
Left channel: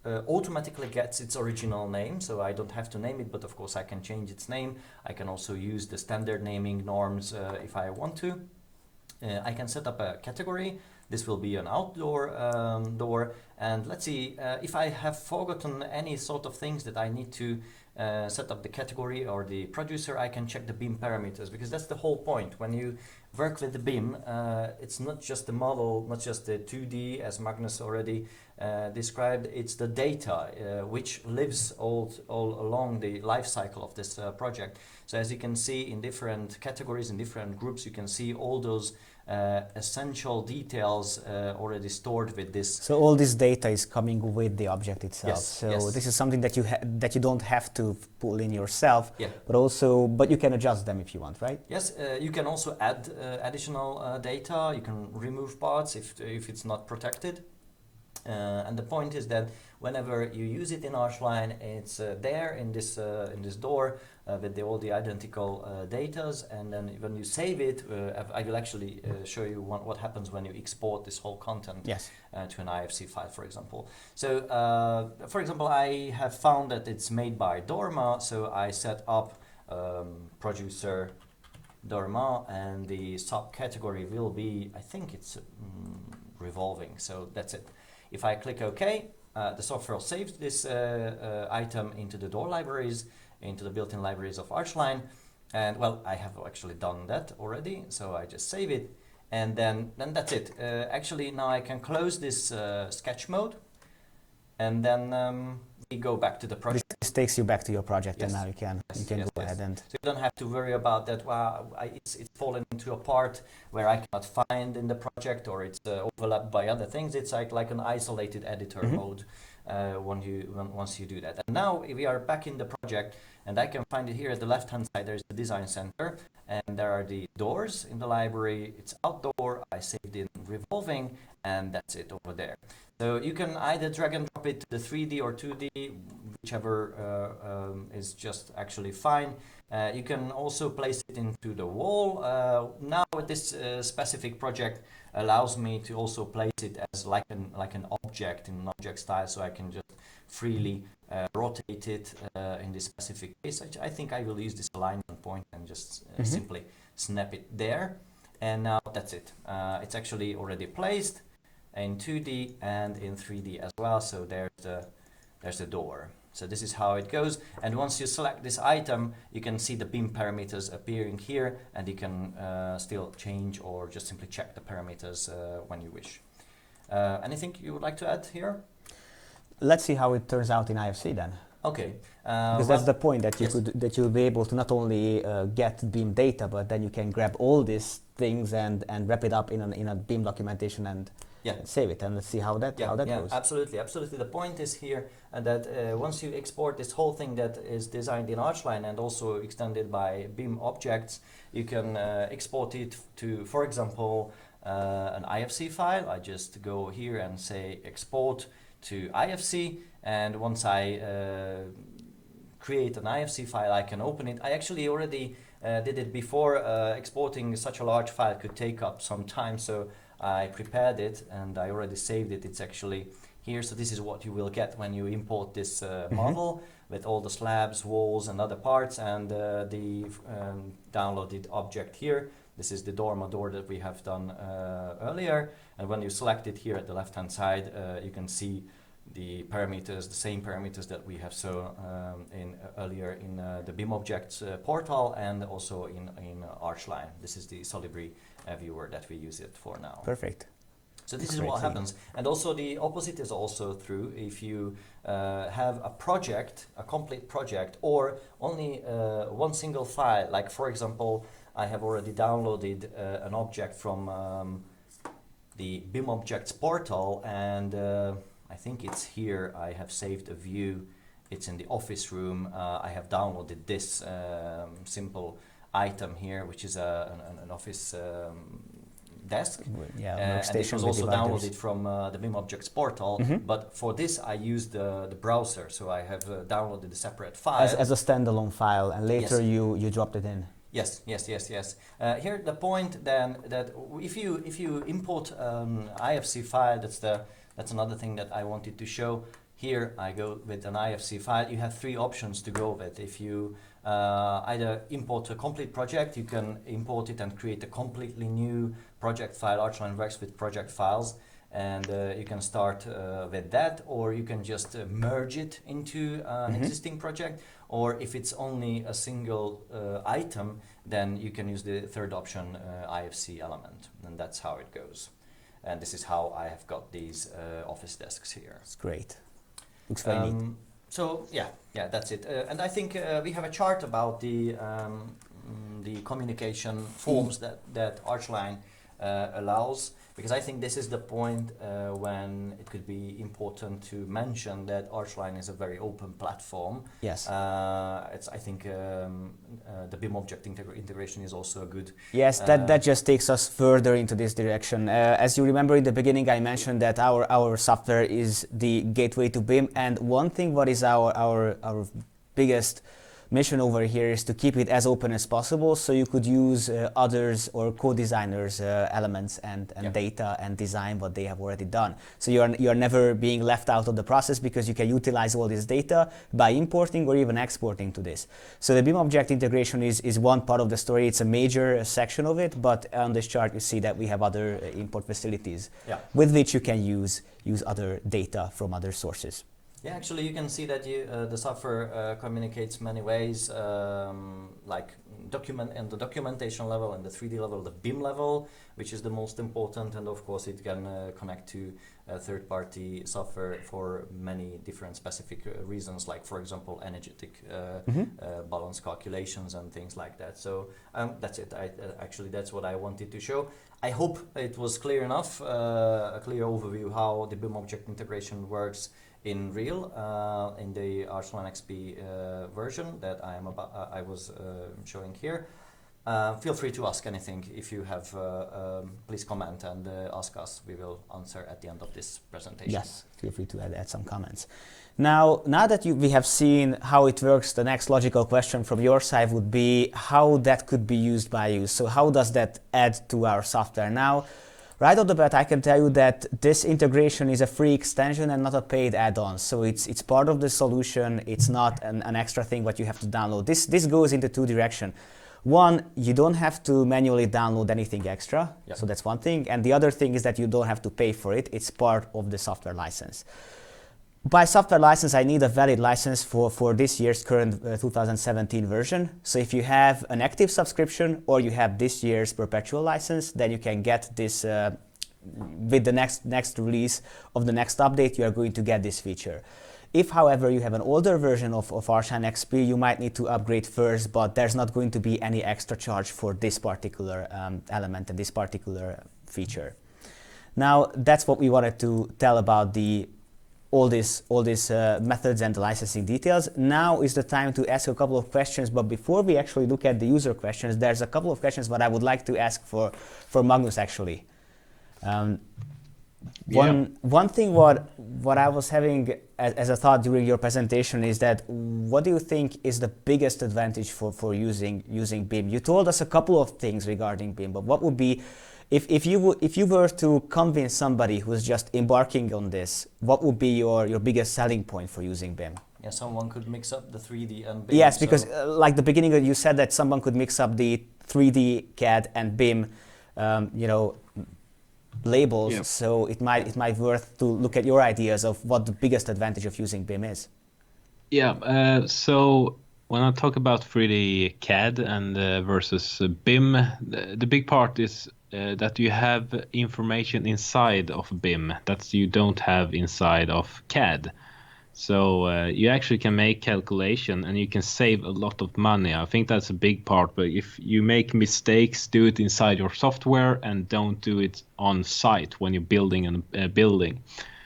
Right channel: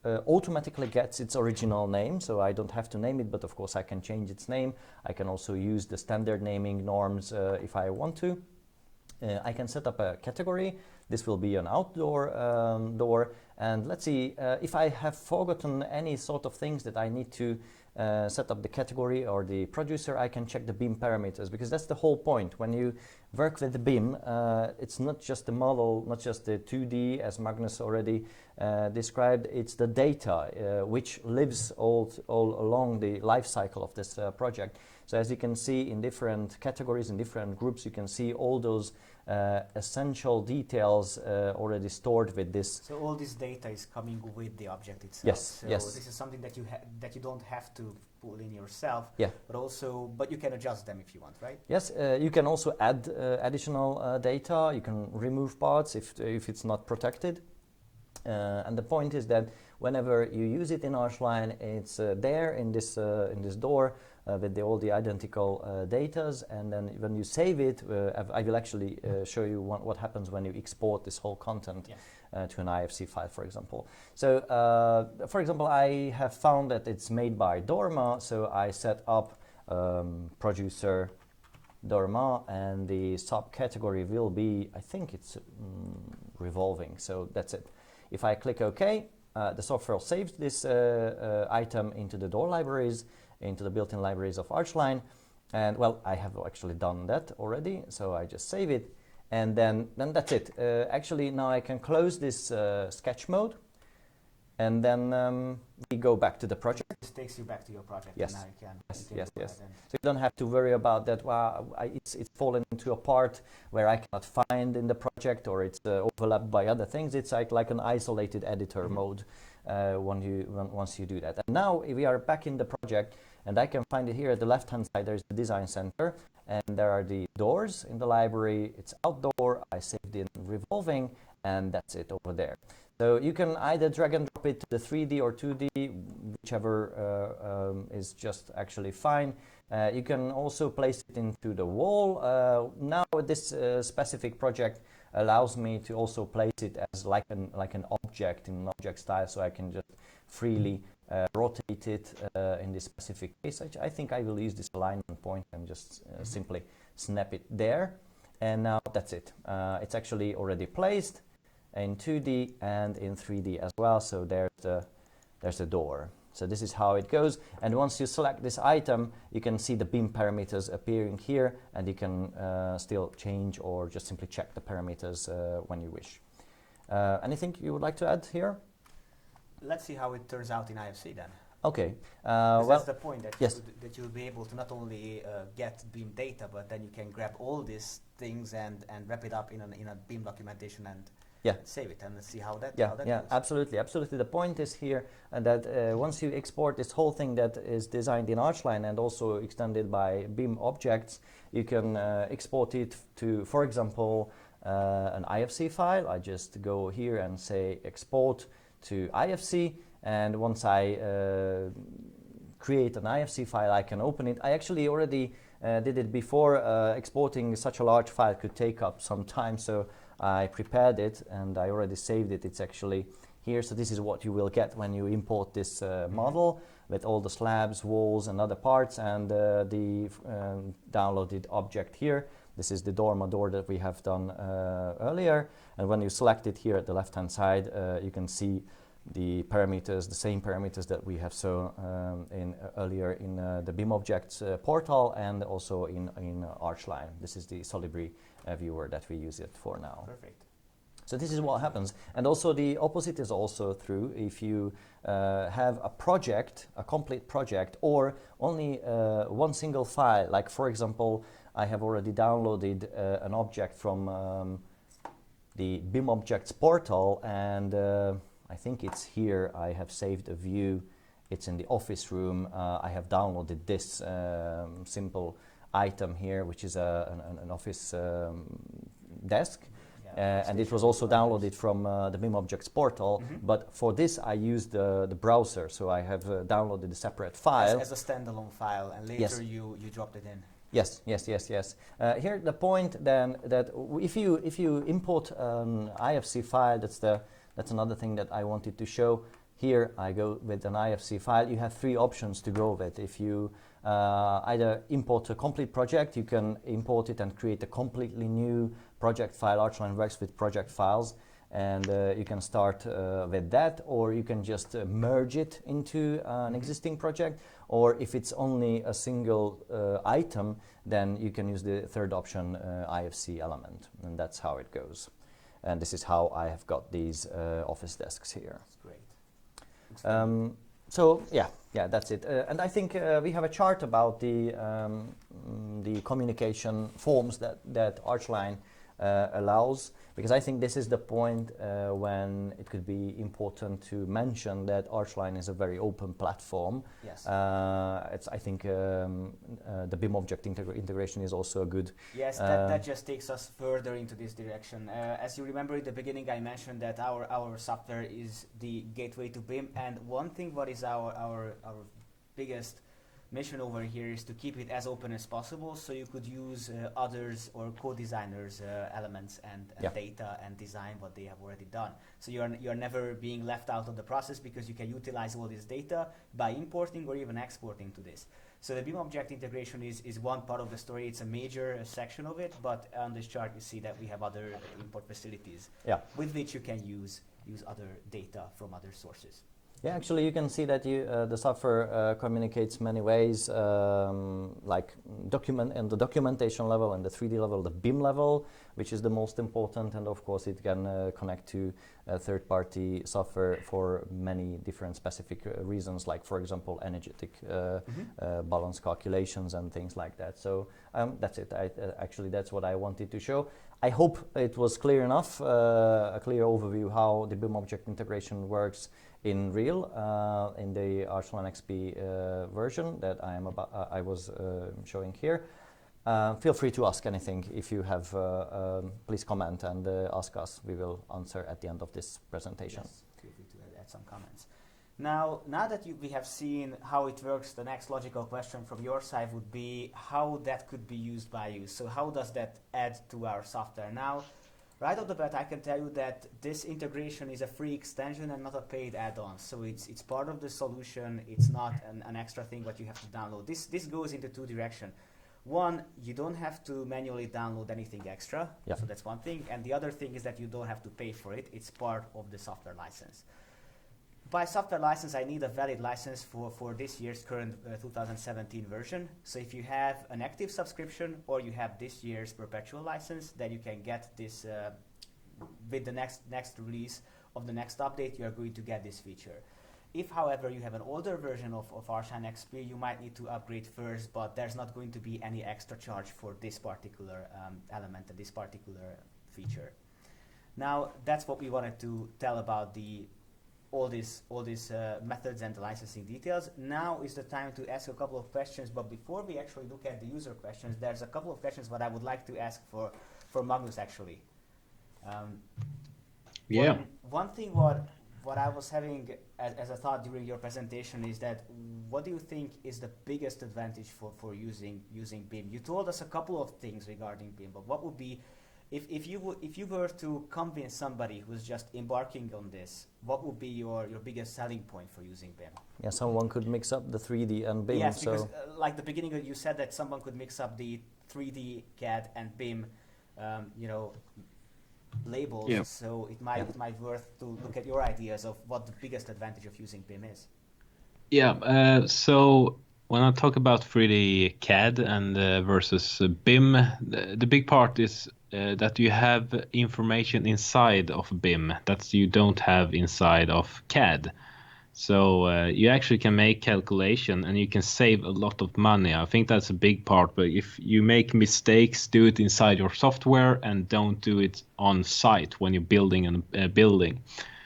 automatically gets its original name, so I don't have to name it, but of course I can change its name. I can also use the standard naming norms if I want to. I can set up a category. This will be an outdoor door. And let's see if I have forgotten any sort of things that I need to set up the category or the producer, I can check the BIM parameters, because that's the whole point. When you work with the BIM, it's not just the model, not just the 2D as Magnus already described, it's the data which lives all along the life cycle of this project. So as you can see in different categories, in different groups, you can see all those essential details already stored with this. So all this data is coming with the object itself. Yes, so yes. This is something that you don't have to pull in yourself. Yeah. But you can adjust them if you want, right? Yes, you can also add additional data. You can remove parts if it's not protected. And the point is that whenever you use it in ARCHLine, it's there in this door with all the identical datas, and then when you save it, I will actually show you what happens when you export this whole content to an IFC file, for example. So, for example, I have found that it's made by Dorma, so I set up producer Dorma, and the subcategory will be, I think it's revolving, so that's it. If I click OK, the software saves this item into the door libraries, into the built-in libraries of ARCHLine. And well, I have actually done that already, so I just save it. And then that's it. Actually, now I can close this sketch mode. And then we go back to the project. This takes you back to your project, yes. and now you can go ahead and... So you don't have to worry about that, it's fallen into a part where I cannot find in the project, or it's overlapped by other things. It's like an isolated editor mode once you do that. And now we are back in the project, and I can find it here at the left-hand side. There's the design center, and there are the doors in the library. It's outdoor. I saved it in revolving, and that's it over there. So you can either drag and drop it to the 3D or 2D, whichever is just actually fine. You can also place it into the wall. Now this specific project allows me to also place it as like an object in an object style, so I can just freely rotate it in this specific case. I think I will use this alignment point and just simply snap it there, and now that's it. It's actually already placed in 2D and in 3D as well, so there's the door. So this is how it goes, and once you select this item, you can see the BIM parameters appearing here, and you can still change or just simply check the parameters when you wish. Anything you would like to add here? Let's see how it turns out in IFC then. Okay. Because that's the point, that you'll be able to not only get BIM data, but then you can grab all these things and wrap it up in a BIM documentation and save it, and let's see how that goes. Absolutely. The point is here that once you export this whole thing that is designed in ARCHLine and also extended by BIM objects, you can export it to, for example, an IFC file. I just go here and say export to IFC, and once I create an IFC file, I can open it. I actually already did it before. Exporting such a large file could take up some time, so I prepared it and I already saved it. It's actually here, so this is what you will get when you import this model with all the slabs, walls and other parts, and the downloaded object here. This is the Dorma door that we have done earlier, and when you select it here at the left hand side, you can see the parameters, the same parameters that we have shown earlier in the BIMobject portal and also in ARCHLine. This is the Solibri viewer that we use it for now. Perfect. So this is what happens. And also the opposite is also true. If you have a project, a complete project, or only one single file, like for example, I have already downloaded an object from the BIMobjects portal, and I think it's here. I have saved a view. It's in the office room. I have downloaded this simple item here, which is an office desk, and it was also downloaded from the BIMobjects portal, but for this I used the browser, so I have downloaded a separate file as a standalone file, and later you dropped it in. Yes. Here the point then, that if you import IFC file, that's another thing that I wanted to show. Here I go with an IFC file. You have three options to go with. If you either import a complete project, you can import it and create a completely new project file. ARCHLine works with project files, and you can start with that, or you can just merge it into an existing project, or if it's only a single item, then you can use the third option, IFC element, and that's how it goes. And this is how I have got these office desks here. It's great. Looks very neat. So yeah, that's it. And I think we have a chart about the communication forms that ARCHLine allows, because I think this is the point when it could be important to mention that ARCHLine is a very open platform. Yes. I think the BIMobject integration is also good. Yes, that just takes us further into this direction. As you remember in the beginning, I mentioned that our software is the gateway to BIM, and one thing what is our biggest mission over here is to keep it as open as possible, so you could use others or co-designers elements and data and design what they have already done. So you're never being left out of the process, because you can utilize all this data by importing or even exporting to this. So the BIMobject integration is one part of the story. It's a major section of it, but on this chart you see that we have other import facilities with which you can use other data from other sources. Yeah, actually, you can see that the software communicates many ways, like the documentation level and the 3D level, the BIM level, which is the most important, and of course it can connect to third-party software for many different specific reasons, like for example energetic balance calculations and things like that. So that's it. Actually, that's what I wanted to show. I hope it was clear enough, a clear overview how the BIMobject integration works in real, in the ARCHLine.XP version that I was showing here. Feel free to ask anything if you have. Please comment and ask us. We will answer at the end of this presentation. Yes, feel free to add some comments. Now that we have seen how it works, the next logical question from your side would be how that could be used by you. So how does that add to our software? Now, right off the bat, I can tell you that this integration is a free extension and not a paid add-on. So it's part of the solution. It's not an extra thing what you have to download. This goes into two directions. One, you don't have to manually download anything extra. Yeah. So that's one thing. And the other thing is that you don't have to pay for it. It's part of the software license. By software license, I need a valid license for this year's current 2017 version. So if you have an active subscription or you have this year's perpetual license, then you can get this with the next release of the next update. You are going to get this feature. If, however, you have an older version of ARCHLine.XP, you might need to upgrade first, but there's not going to be any extra charge for this particular element and this particular feature. Now, that's what we wanted to tell about all these methods and the licensing details. Now is the time to ask a couple of questions, but before we actually look at the user questions, there's a couple of questions that I would like to ask for Magnus actually. One thing what I was having as a thought during your presentation is that what do you think is the biggest advantage for using BIM? You told us a couple of things regarding BIM, but what would be, if you were to convince somebody who's just embarking on this, what would be your biggest selling point for using BIM? Yeah, someone could mix up the 3D and BIM. Yes, because like the beginning you said that someone could mix up the 3D CAD and BIM, labels. Yeah. So it might worth to look at your ideas of what the biggest advantage of using BIM is. Yeah. So when I talk about 3D CAD and versus BIM, the big part is that you have information inside of BIM that you don't have inside of CAD. So you actually can make calculation and you can save a lot of money. I think that's a big part, but if you make mistakes, do it inside your software and don't do it on site when you're building a building.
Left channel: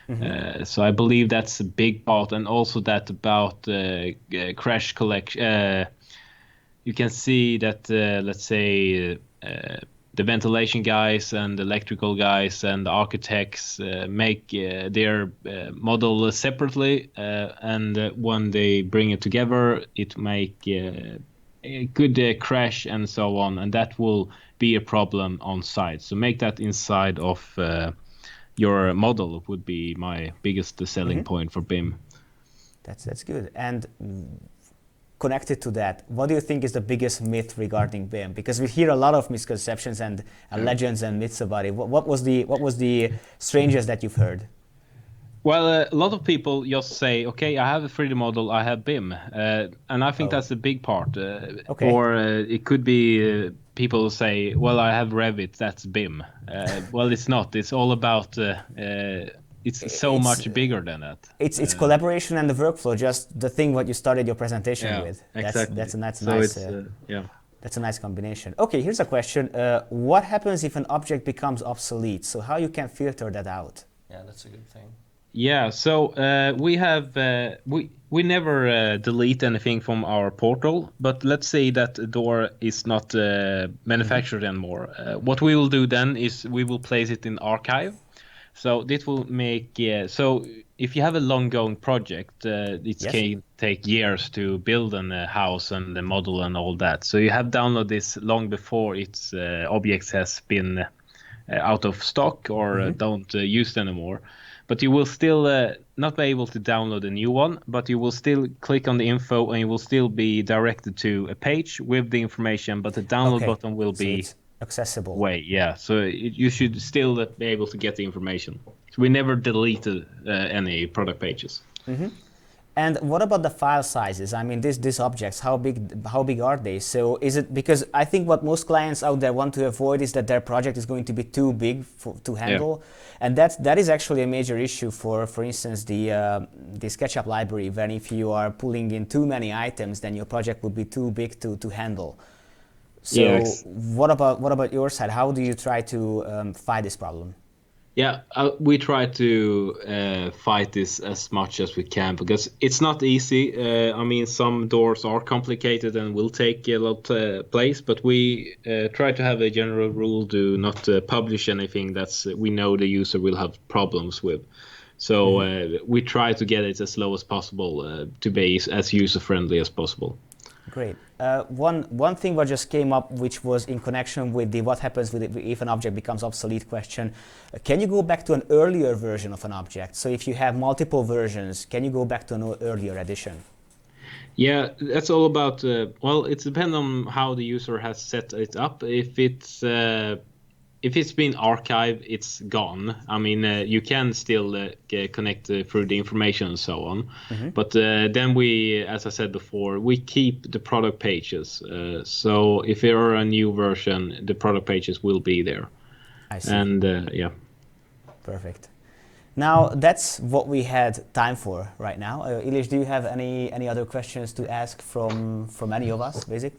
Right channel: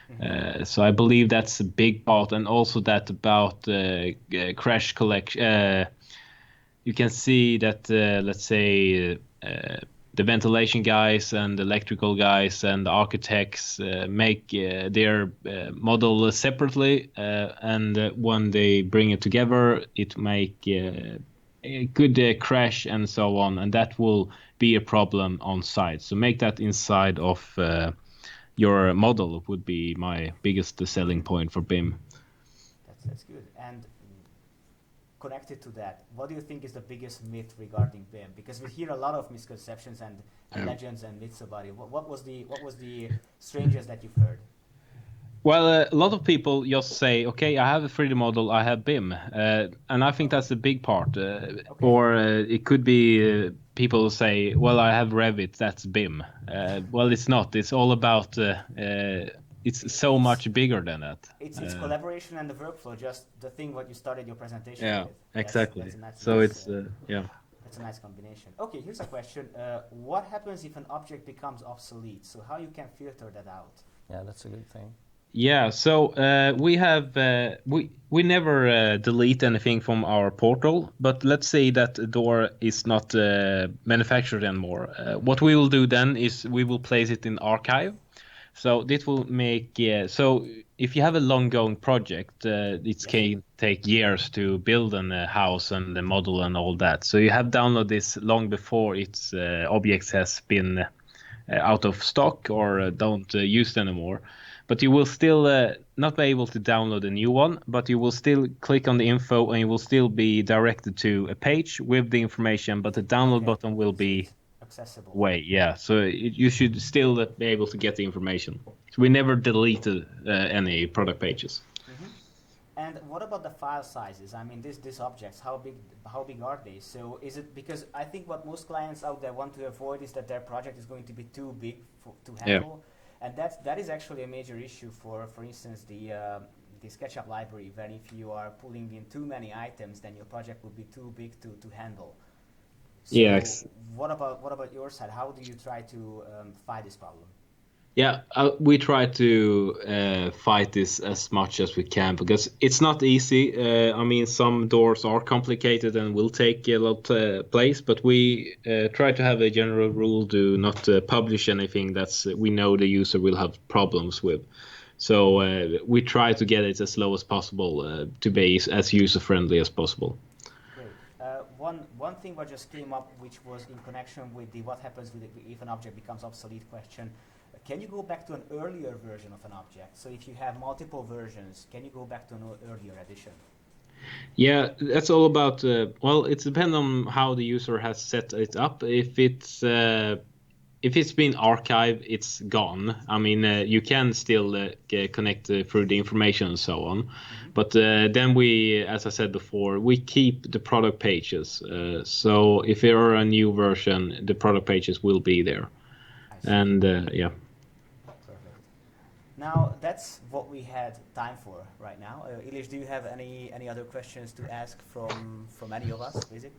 Mm-hmm. So I believe that's a big part, and also that about crash collection. You can see that, let's say, the ventilation guys and the electrical guys and the architects make their model separately, and when they bring it together, it make a good crash and so on, and that will be a problem on site. So make that inside of your model would be my biggest selling point for BIM. That's good. And connected to that, what do you think is the biggest myth regarding BIM? Because we hear a lot of misconceptions and legends and myths about it. What was the strangest that you've heard? Well, a lot of people just say, okay, I have a 3D model, I have BIM. And I think that's a big part. Okay. Or it could be people say, well, I have Revit, that's BIM. Well, it's not. It's all about, it's so much bigger than that. It's collaboration and the workflow, just the thing what you started your presentation with. Exactly. That's nice. That's a nice combination. Okay, here's a question. What happens if an object becomes obsolete? So how you can filter that out? Yeah, that's a good thing. Yeah, so we have we never delete anything from our portal, but let's say that a door is not manufactured anymore. What we will do then is we will place it in archive. So this will make so if you have a long-going project, it can take years to build a house and the model and all that. So you have downloaded this long before its objects has been out of stock or don't used anymore. But you will still not be able to download a new one, but you will still click on the info and you will still be directed to a page with the information, but the download button will be accessible. So you should still be able to get the information. So we never deleted any product pages. And what about the file sizes? I mean, these objects, how big are they? So is it, because I think what most clients out there want to avoid is that their project is going to be too big to handle. And that is actually a major issue for instance, the SketchUp library, when if you are pulling in too many items, then your project would be too big to handle. So what about your side? How do you try to fight this problem? Yeah, we try to fight this as much as we can because it's not easy. I mean, some doors are complicated and will take a lot of place, but we try to have a general rule to not publish anything that's we know the user will have problems with. So we try to get it as slow as possible to be as user-friendly as possible. Great. One thing what just came up, which was in connection with the what happens with it if an object becomes obsolete question. Can you go back to an earlier version of an object? So if you have multiple versions, can you go back to an earlier edition? Yeah, that's all about, well, it depends on how the user has set it up. If it's been archived, it's gone. I mean, you can still connect through the information and so on. But then we, as I said before, we keep the product pages. So if there are a new version, the product pages will be there. I see. And Perfect. Now that's what we had time for right now. Ilyich, do you have any other questions to ask from any of us, basically,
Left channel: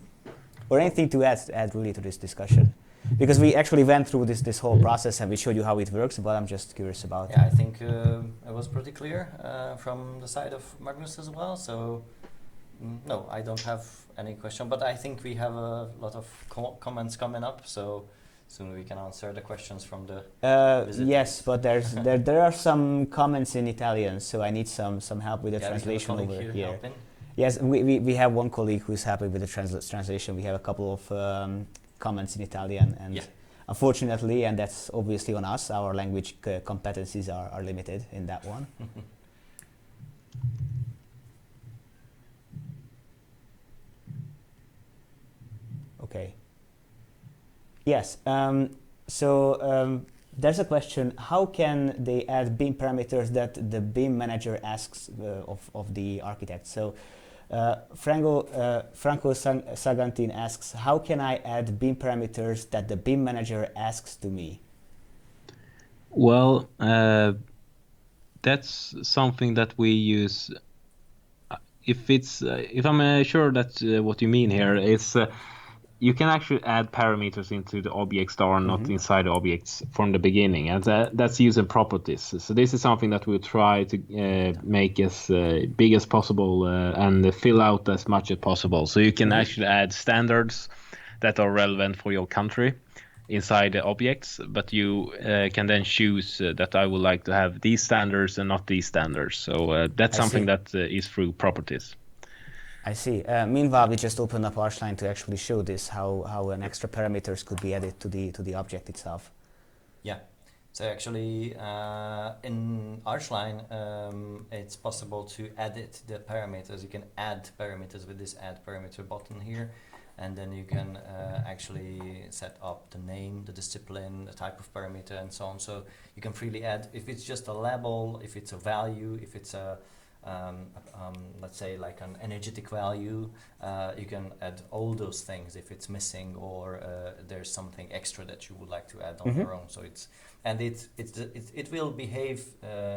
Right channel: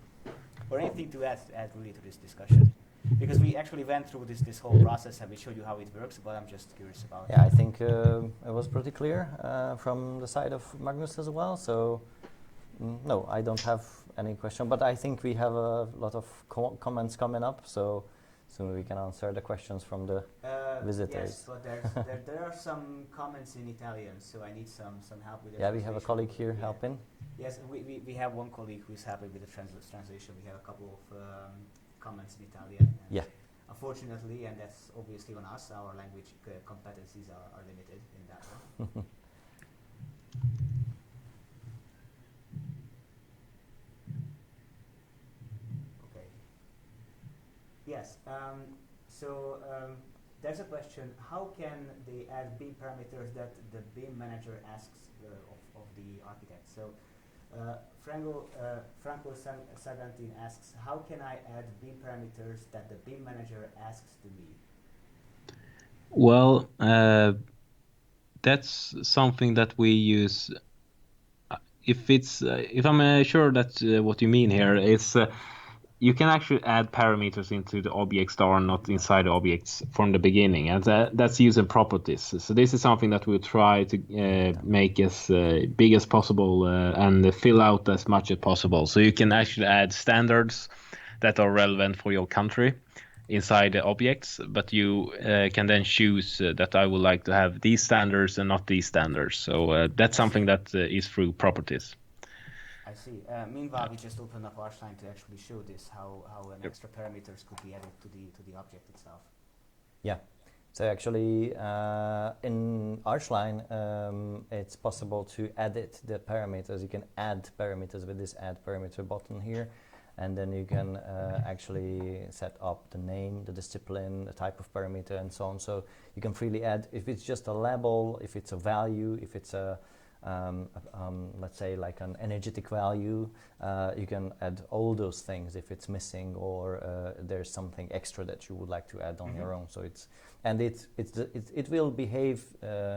or anything to add really to this discussion? Because we actually went through this whole process and we showed you how it works, but I'm just curious about. Yeah, I think it was pretty clear from the side of Magnus as well. So no, I don't have any question, but I think we have a lot of comments coming up. So soon we can answer the questions from the visitors. Yes, but there are some comments in Italian, so I need some help with the translation over here. Helping. Yes, we have one colleague who's happy with the translation. We have a couple of comments in Italian, and unfortunately, and that's obviously on us, our language competencies are limited in that one. Okay. Yes, there's a question, how can they add BIM parameters that the BIM manager asks of the architect? So Franco Sagantin asks, how can I add BIM parameters that the BIM manager asks to me? Well, that's something that we use. If I'm sure that what you mean here is you can actually add parameters into the objects that are not inside the objects from the beginning, and that's using properties. So this is something that we'll try to make as big as possible and fill out as much as possible. So you can actually add standards that are relevant for your country inside the objects, but you can then choose that I would like to have these standards and not these standards. So that's something that is through properties. I see. Meanwhile, we just opened up ARCHLine to actually show this, how an extra parameters could be added to the object itself. Yeah, So actually, in ARCHLine, it's possible to edit the parameters. You can add parameters with this add parameter button here, and then you can actually set up the name, the discipline, the type of parameter, and so on. So you can freely add, if it's just a label, if it's a value, if it's a let's say like an energetic value, you can add all those things if it's missing, or there's something extra that you would like to add on your own. So it will behave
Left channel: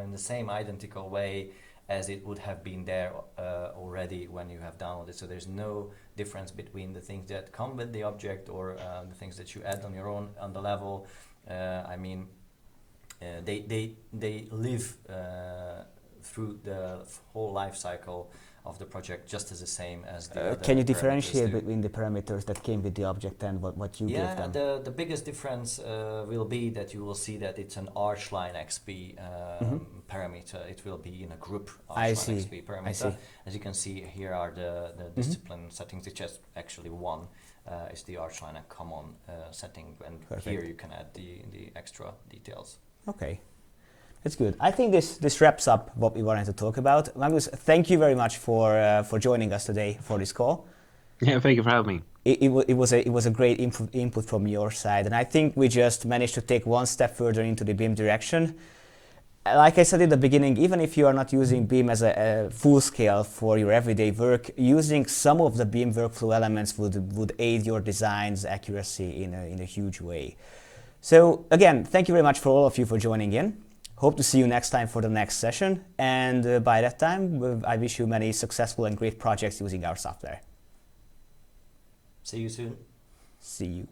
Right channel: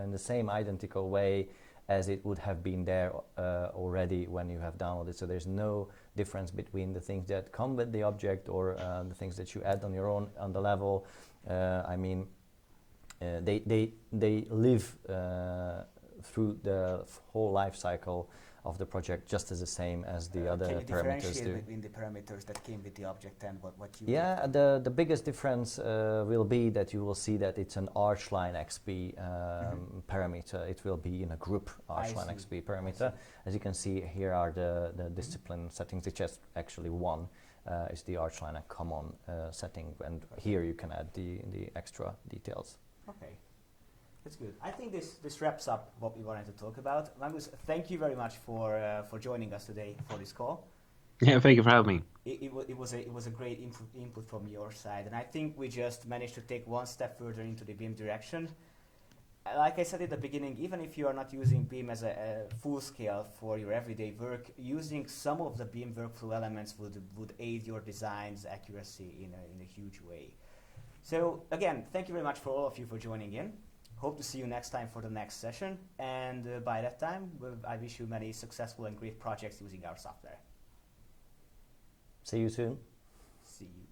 in the same identical way as it would have been there already when you have downloaded. So there's no difference between the things that come with the object or the things that you add on your own on the level. I mean, they live through the whole life cycle of the project just as the same as the other. Can you differentiate between the parameters that came with the object and what you gave them? Yeah, the biggest difference will be that you will see that it's an ARCHLine.XP parameter. It will be in a group ARCHLine.XP parameter. As you can see, here are the discipline settings. It's just actually one is the ARCHLine common setting, and here you can add the extra details. Okay. That's good. I think this wraps up what we wanted to talk about. Magnus, thank you very much for joining us today for this call. Yeah, thank you for having me. It was a great input from your side, and I think we just managed to take one step further into the BIM direction. Like I said in the beginning, even if you are not using BIM as a full scale for your everyday work, using some of the BIM workflow elements would aid your design's accuracy in a huge way. So again, thank you very much for all of you for joining in. Hope to see you next time for the next session, and by that time, I wish you many successful and great projects using our software. See you soon. See you.